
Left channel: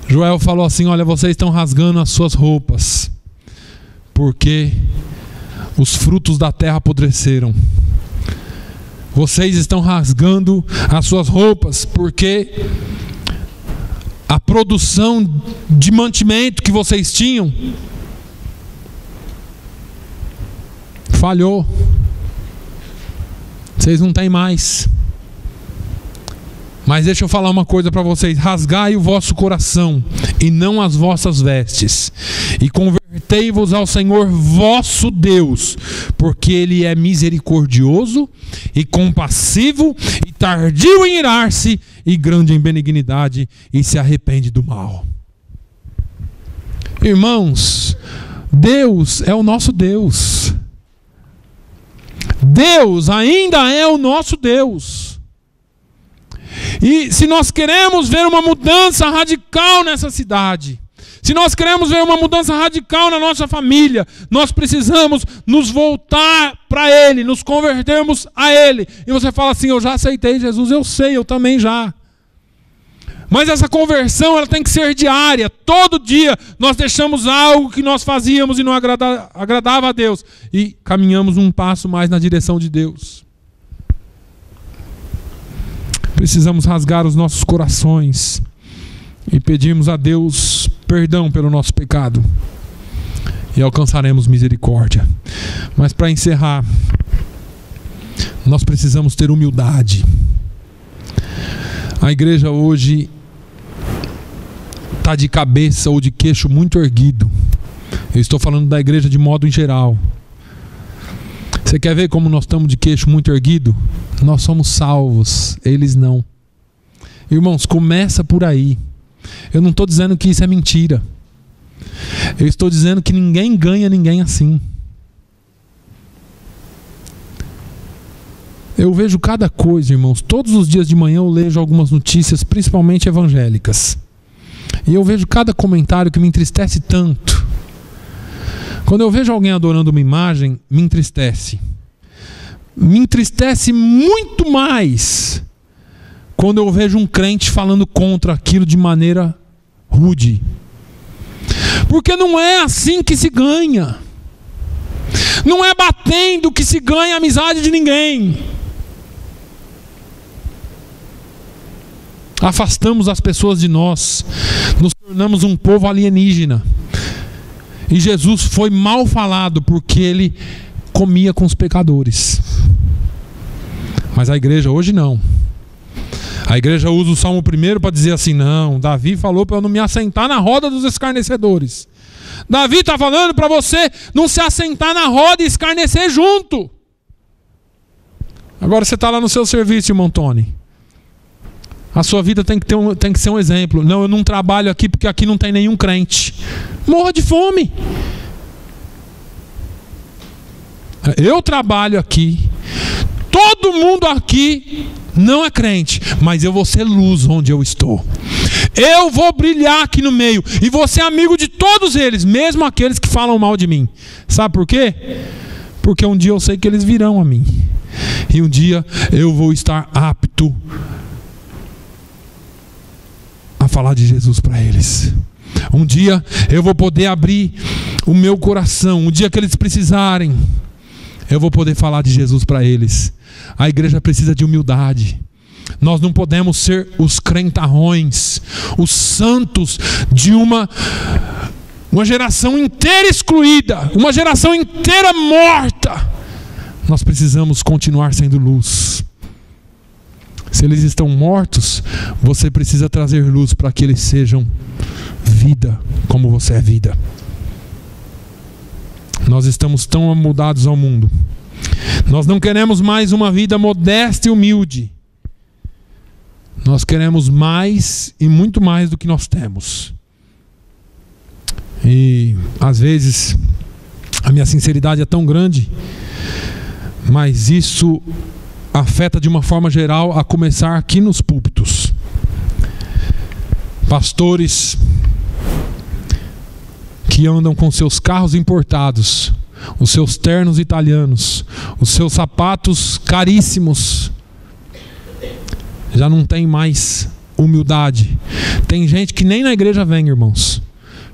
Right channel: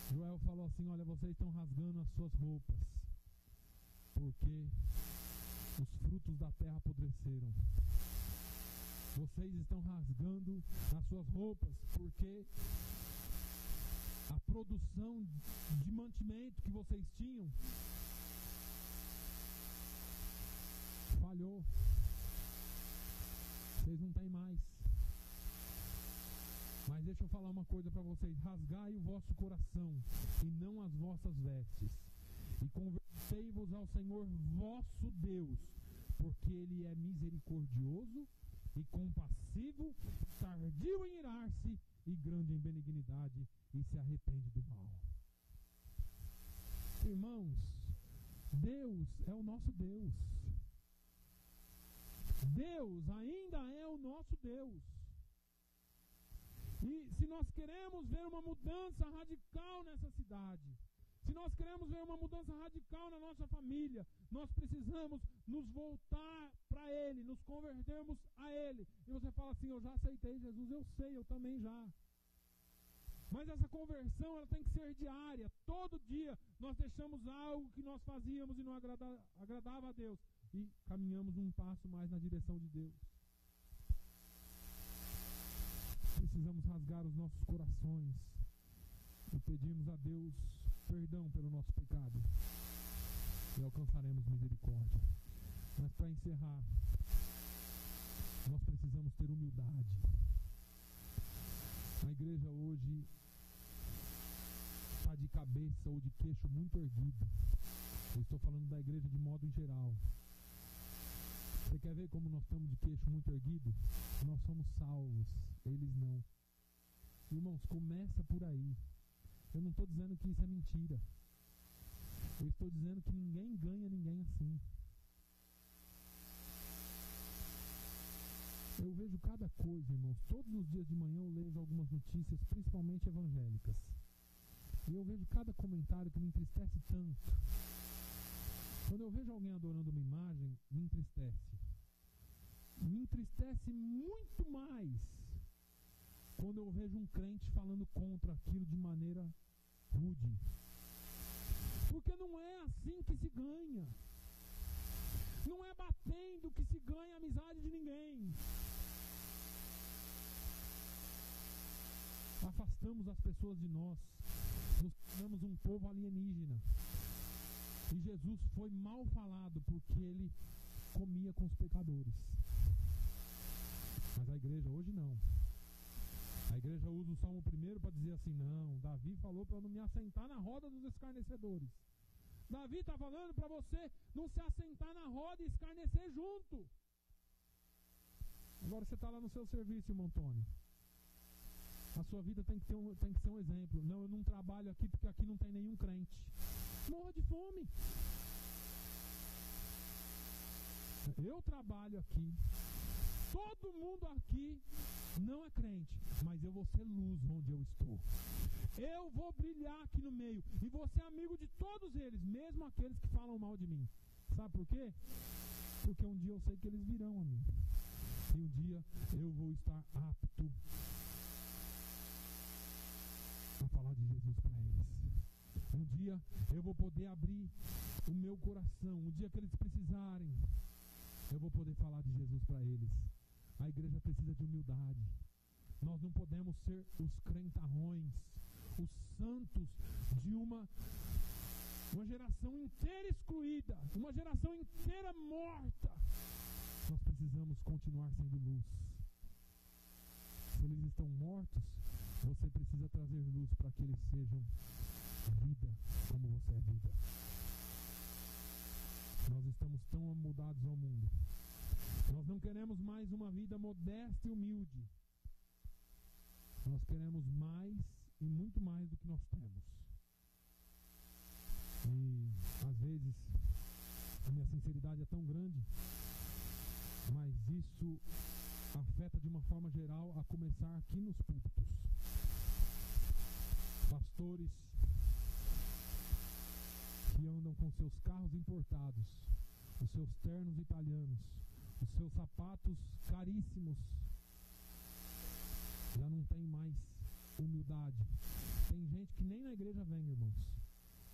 Joel falou assim: olha, vocês estão rasgando as suas roupas porque os frutos da terra apodreceram. Vocês estão rasgando as suas roupas porque a produção de mantimento que vocês tinham falhou. Vocês não têm mais. Mas deixa eu falar uma coisa para vocês: rasgai o vosso coração e não as vossas vestes, e convertei-vos ao Senhor vosso Deus, porque Ele é misericordioso e compassivo e tardio em irar-se e grande em benignidade, e se arrepende do mal. Irmãos, Deus é o nosso Deus. Deus ainda é o nosso Deus. E se nós queremos ver uma mudança radical nessa cidade, se nós queremos ver uma mudança radical na nossa família, nós precisamos nos voltar para Ele, nos convertermos a Ele. E você fala assim: eu já aceitei Jesus. Eu sei, eu também já. Mas essa conversão, ela tem que ser diária. Todo dia nós deixamos algo que nós fazíamos e não agradava a Deus, e caminhamos um passo mais na direção de Deus. Precisamos rasgar os nossos corações e pedirmos a Deus perdão pelo nosso pecado, e alcançaremos misericórdia. Mas para encerrar, nós precisamos ter humildade. A igreja hoje está de cabeça ou de queixo muito erguido. Eu estou falando da igreja de modo em geral. Você quer ver como nós estamos de queixo muito erguido? Nós somos salvos, eles não. Irmãos, começa por aí. Eu não estou dizendo que isso é mentira. Eu estou dizendo que ninguém ganha ninguém assim. Eu vejo cada coisa, irmãos. Todos os dias de manhã eu leio algumas notícias, principalmente evangélicas. E eu vejo cada comentário que me entristece tanto. Quando eu vejo alguém adorando uma imagem, me entristece. Me entristece muito mais quando eu vejo um crente falando contra aquilo de maneira rude. Porque não é assim que se ganha. Não é batendo que se ganha a amizade de ninguém. Afastamos as pessoas de nós, nos tornamos um povo alienígena. E Jesus foi mal falado porque Ele comia com os pecadores. Mas a igreja hoje não. A igreja usa o Salmo 1 para dizer assim: não, Davi falou para eu não me assentar na roda dos escarnecedores. Davi está falando para você não se assentar na roda e escarnecer junto. Agora você está lá no seu serviço, irmão Tony. A sua vida tem que ser um exemplo. Não, eu não trabalho aqui porque aqui não tem nenhum crente. Morra de fome. Eu trabalho aqui. todo mundo aqui não é crente, mas eu vou ser luz onde eu estou. Eu vou brilhar aqui no meio e vou ser amigo de todos eles, mesmo aqueles que falam mal de mim. Sabe por quê? Porque um dia eu sei que eles virão a mim. E um dia eu vou estar apto a falar de Jesus para eles. Um dia eu vou poder abrir o meu coração. Um dia que eles precisarem, eu vou poder falar de Jesus para eles. A igreja precisa de humildade. Nós não podemos ser os crentarrões, os santos de uma geração inteira excluída, uma geração inteira morta. Nós precisamos continuar sendo luz. Se eles estão mortos, você precisa trazer luz para que eles sejam vida, como você é vida. Nós estamos tão amudados ao mundo. Nós não queremos mais uma vida modesta e humilde. Nós queremos mais e muito mais do que nós temos. E às vezes a minha sinceridade é tão grande, mas isso afeta de uma forma geral, a começar aqui nos púlpitos. Pastores que andam com seus carros importados, os seus ternos italianos, os seus sapatos caríssimos, já não tem mais humildade. Tem gente que nem na igreja vem, irmãos,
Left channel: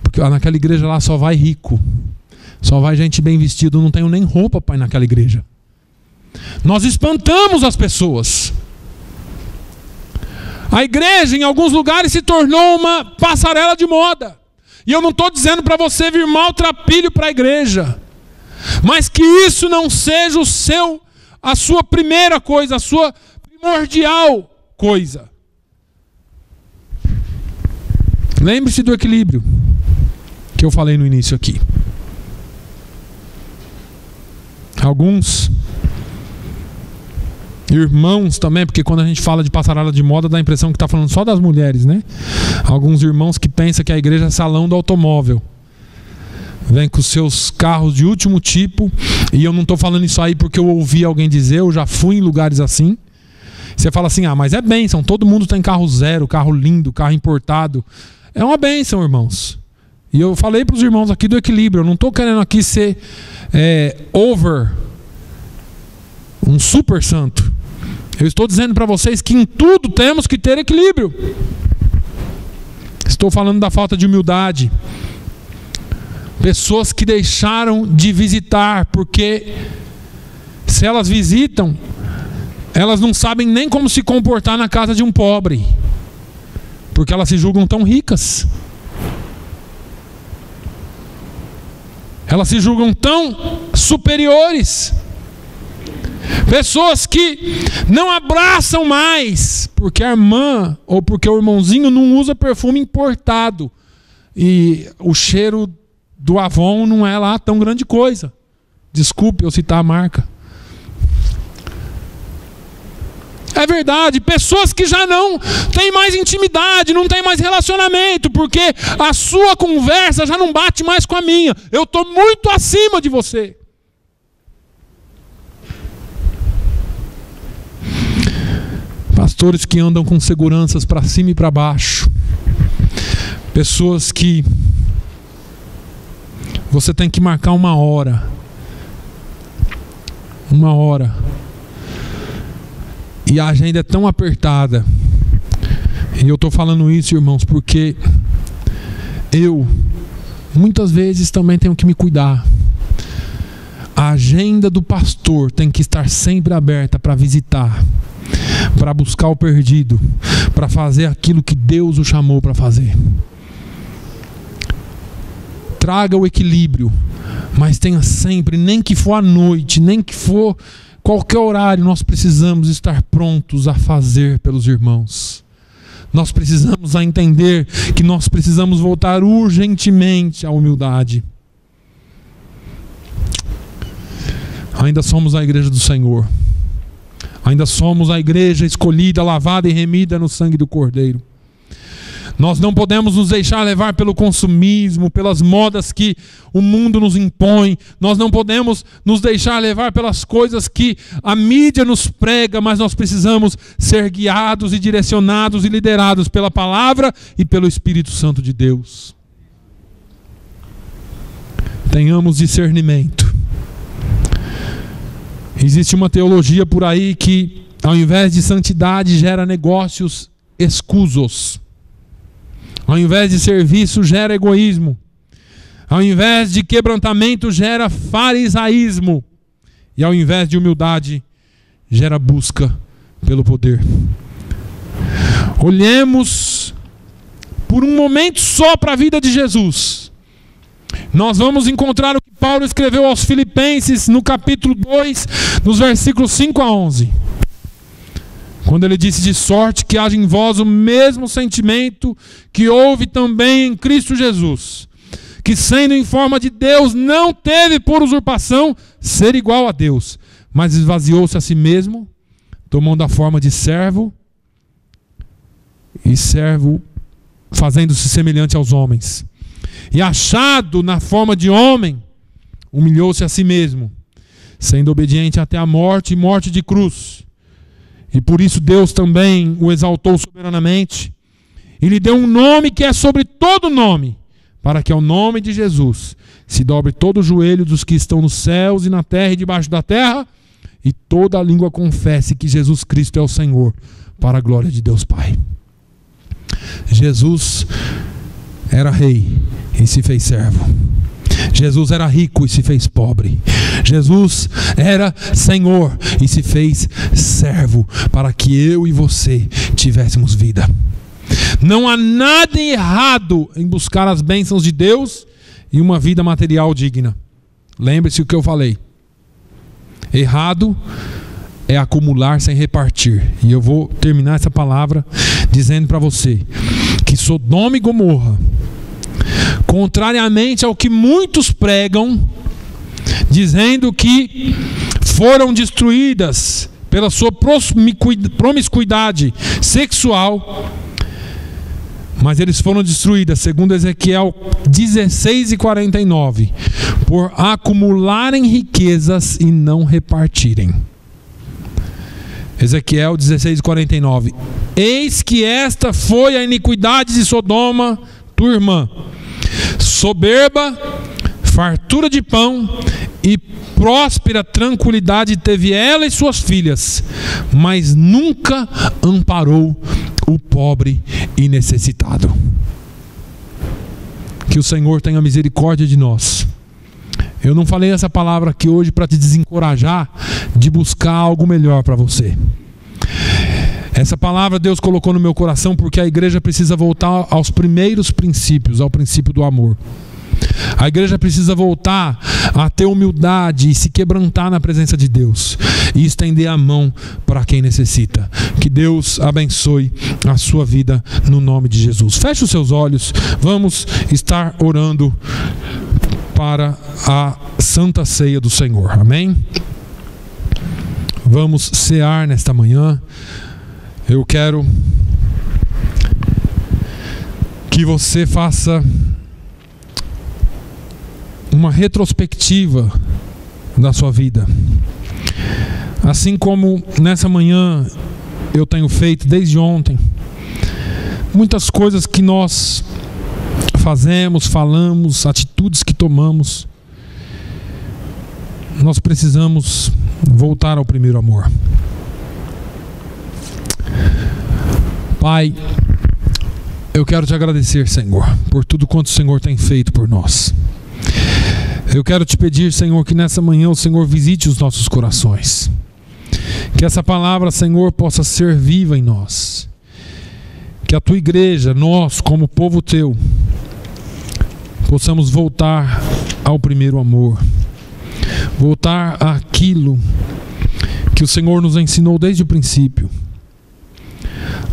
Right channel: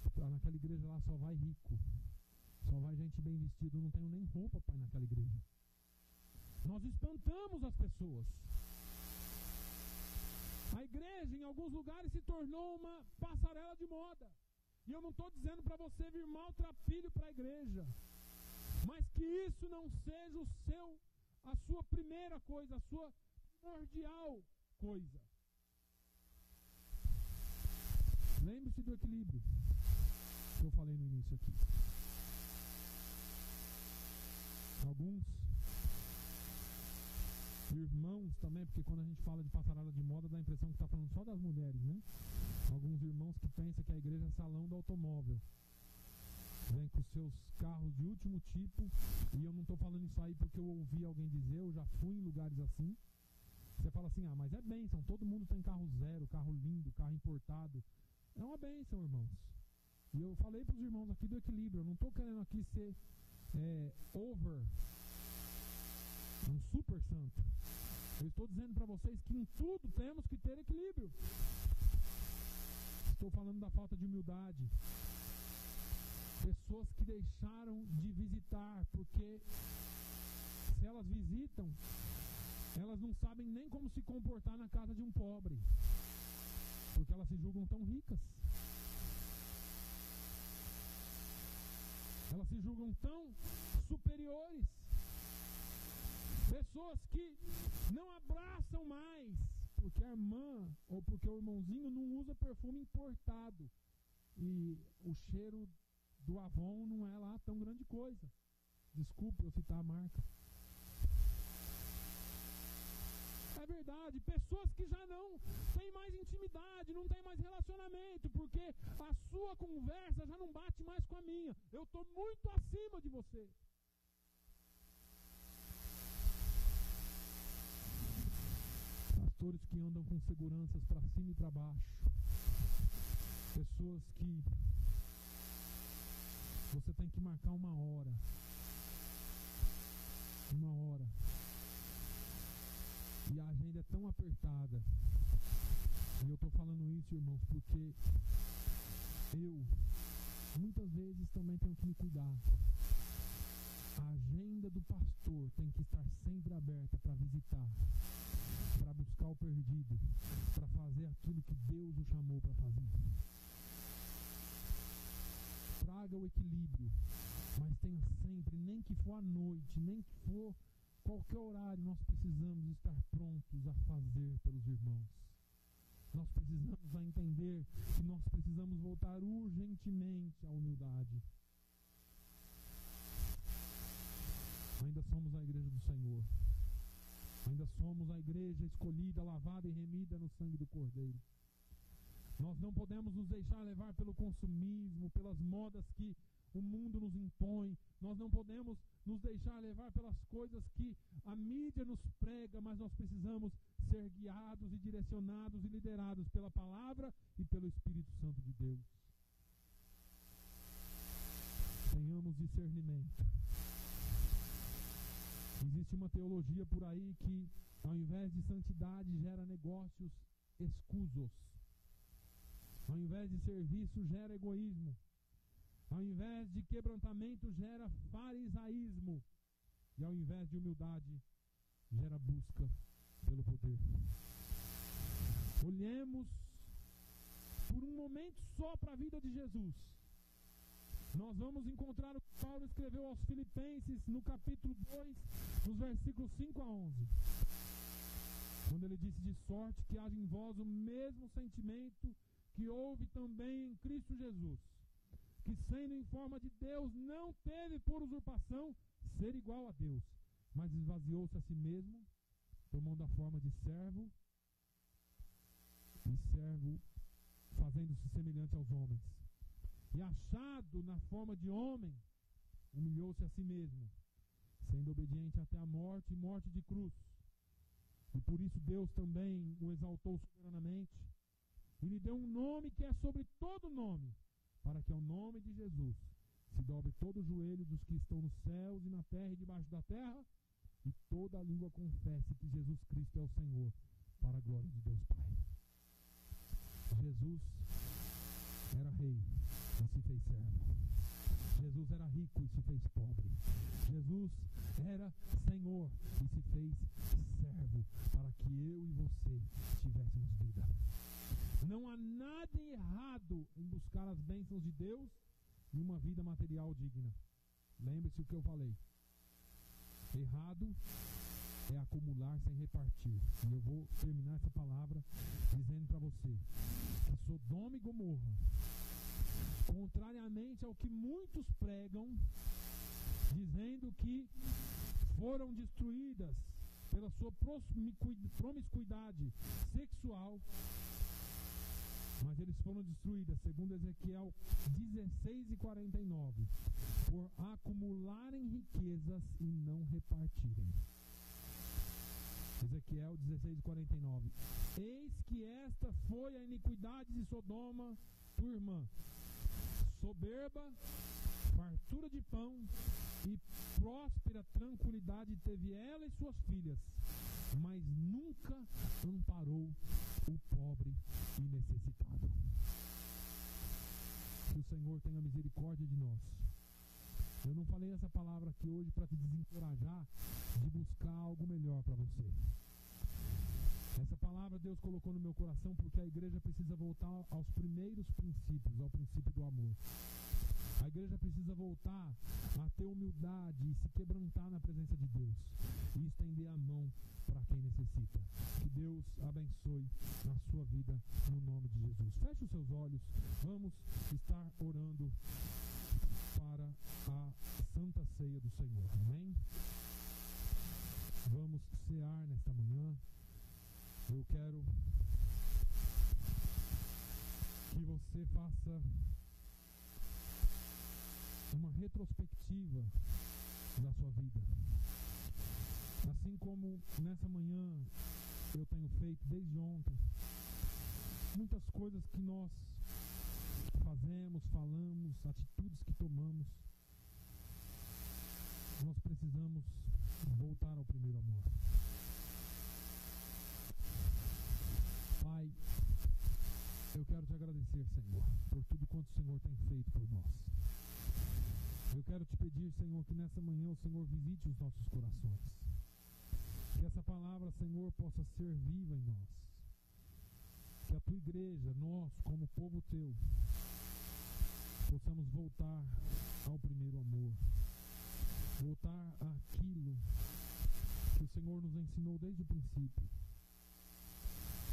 porque naquela igreja lá só vai rico, só vai gente bem vestida. Eu não tenho nem roupa para ir naquela igreja. Nós espantamos as pessoas. A igreja em alguns lugares se tornou uma passarela de moda. E eu não estou dizendo para você vir maltrapilho para a igreja, mas que isso não seja a sua primeira coisa, a sua primordial coisa. Lembre-se do equilíbrio que eu falei no início aqui. Alguns irmãos também, porque quando a gente fala de passarela de moda, dá a impressão que está falando só das mulheres, né? Alguns irmãos que pensam que a igreja é salão do automóvel. Vem com os seus carros de último tipo, e eu não estou falando isso aí porque eu ouvi alguém dizer, eu já fui em lugares assim. Você fala assim, mas é bênção, todo mundo tem carro zero, carro lindo, carro importado. É uma bênção, irmãos. E eu falei para os irmãos aqui do equilíbrio, eu não estou querendo aqui ser um super santo. Eu estou dizendo para vocês que em tudo temos que ter equilíbrio. Estou falando da falta de humildade. Pessoas que deixaram de visitar, porque se elas visitam, elas não sabem nem como se comportar na casa de um pobre, porque elas se julgam tão ricas. Elas se julgam tão superiores. Pessoas que não abraçam mais, porque a irmã ou porque o irmãozinho não usa perfume importado. E o cheiro do Avon não é lá tão grande coisa. Desculpe eu citar a marca. É verdade, pessoas que já não têm mais intimidade, não têm mais relacionamento, porque a sua conversa já não bate mais com a minha. Eu estou muito acima de você. Pastores que andam com seguranças para cima e para baixo. Pessoas que você tem que marcar uma hora. E a agenda é tão apertada. E eu estou falando isso, irmãos, porque eu muitas vezes também tenho que me cuidar. A agenda do pastor tem que estar sempre aberta para visitar, para buscar o perdido, para fazer aquilo que Deus o chamou para fazer. Traga o equilíbrio, mas tenha sempre, nem que for à noite, nem que for qualquer horário, nós precisamos estar prontos a fazer pelos irmãos. Nós precisamos entender que nós precisamos voltar urgentemente à humildade. Ainda somos a igreja do Senhor. Ainda somos a igreja escolhida, lavada e remida no sangue do Cordeiro. Nós não podemos nos deixar levar pelo consumismo, pelas modas que o mundo nos impõe. Nós não podemos nos deixar levar pelas coisas que a mídia nos prega, mas nós precisamos ser guiados e direcionados e liderados pela palavra e pelo Espírito Santo de Deus. Tenhamos discernimento. Existe uma teologia por aí que, ao invés de santidade, gera negócios escusos. Ao invés de serviço, gera egoísmo. Ao invés de quebrantamento, gera farisaísmo. E ao invés de humildade, gera busca pelo poder. Olhemos por um momento só para a vida de Jesus. Nós vamos encontrar o que Paulo escreveu aos Filipenses no capítulo 2, nos versículos 5 a 11. Quando ele disse: de sorte que haja em vós o mesmo sentimento que houve também em Cristo Jesus, que sendo em forma de Deus, não teve por usurpação ser igual a Deus, mas esvaziou-se a si mesmo, tomando a forma de servo, e servo fazendo-se semelhante aos homens. E achado na forma de homem, humilhou-se a si mesmo, sendo obediente até a morte e morte de cruz. E por isso Deus também o exaltou soberanamente e lhe deu um nome que é sobre todo nome, para que ao nome de Jesus se dobre todo o joelho dos que estão nos céus e na terra e debaixo da terra, e toda a língua confesse que Jesus Cristo é o Senhor, para a glória de Deus Pai. Jesus era rei e se fez servo. Jesus era rico e se fez pobre. Jesus era Senhor e se fez servo, para que eu e você tivéssemos vida. Não há nada errado em buscar as bênçãos de Deus e uma vida material digna. Lembre-se o que eu falei. Errado é acumular sem repartir. E eu vou terminar essa palavra dizendo para você que Sodoma e Gomorra, contrariamente ao que muitos pregam, dizendo que foram destruídas pela sua promiscuidade sexual, mas eles foram destruídas, segundo Ezequiel 16:49, por acumularem riquezas e não repartirem. Ezequiel 16:49. Eis que esta foi a iniquidade de Sodoma, tua irmã. Soberba, fartura de pão e próspera tranquilidade teve ela e suas filhas, mas nunca amparou o pobre e necessitado. Que o Senhor tenha misericórdia de nós. Eu não falei essa palavra aqui hoje para te desencorajar de buscar algo melhor para você. Essa palavra Deus colocou no meu coração porque a igreja precisa voltar aos primeiros princípios, ao princípio do amor. A igreja precisa voltar a ter humildade e se quebrantar na presença de Deus e estender a mão para quem necessita. Que Deus abençoe a sua vida no nome de Jesus. Feche os seus olhos, vamos estar orando para a Santa Ceia do Senhor, amém? Vamos cear nesta manhã. Eu quero que você faça uma retrospectiva da sua vida. Assim como nessa manhã eu tenho feito desde ontem, muitas coisas que nós fazemos, falamos, atitudes que tomamos, nós precisamos voltar ao primeiro amor. Pai, eu quero te agradecer, Senhor, por tudo quanto o Senhor tem feito por nós. Eu quero te pedir, Senhor, que nessa manhã o Senhor visite os nossos corações. Que essa palavra, Senhor, possa ser viva em nós. Que a tua igreja, nós como povo teu, possamos voltar ao primeiro amor. Voltar àquilo que o Senhor nos ensinou desde o princípio.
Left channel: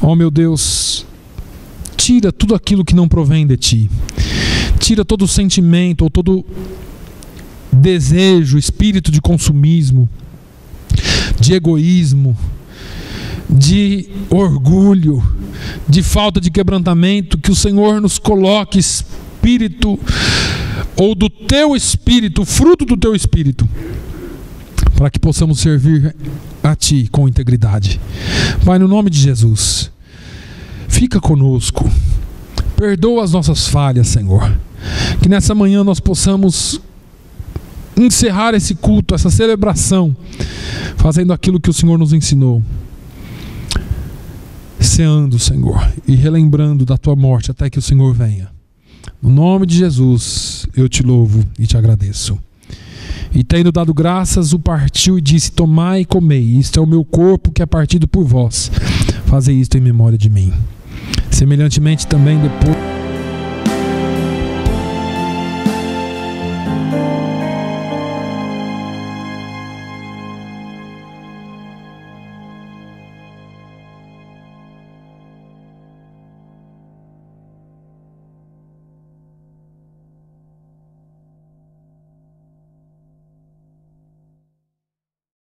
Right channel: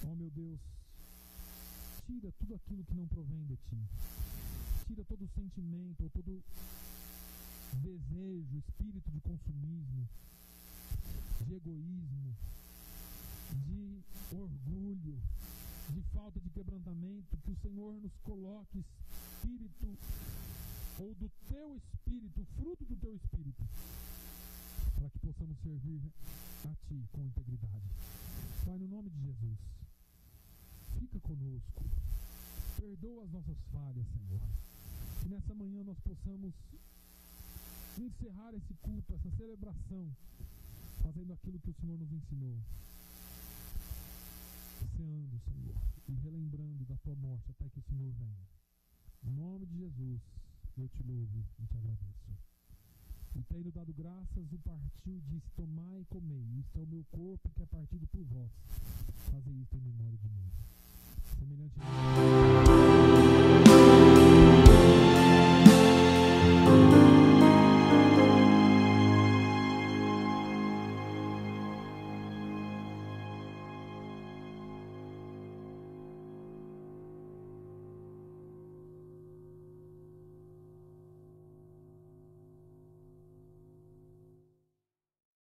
Oh meu Deus, tira tudo aquilo que não provém de ti. Tira todo o sentimento ou todo desejo, espírito de consumismo, de egoísmo, de orgulho, de falta de quebrantamento, que o Senhor nos coloque espírito, ou do teu espírito, fruto do teu espírito, para que possamos servir a Ti com integridade. Pai, no nome de Jesus, fica conosco, perdoa as nossas falhas, Senhor, que nessa manhã nós possamos encerrar esse culto, essa celebração, fazendo aquilo que o Senhor nos ensinou, ceando, Senhor, e relembrando da Tua morte até que o Senhor venha. No nome de Jesus, eu Te louvo e Te agradeço. E tendo dado graças, o partiu e disse: tomai e comei, isto é o meu corpo que é partido por vós, fazei isto em memória de mim. Semelhantemente também depois...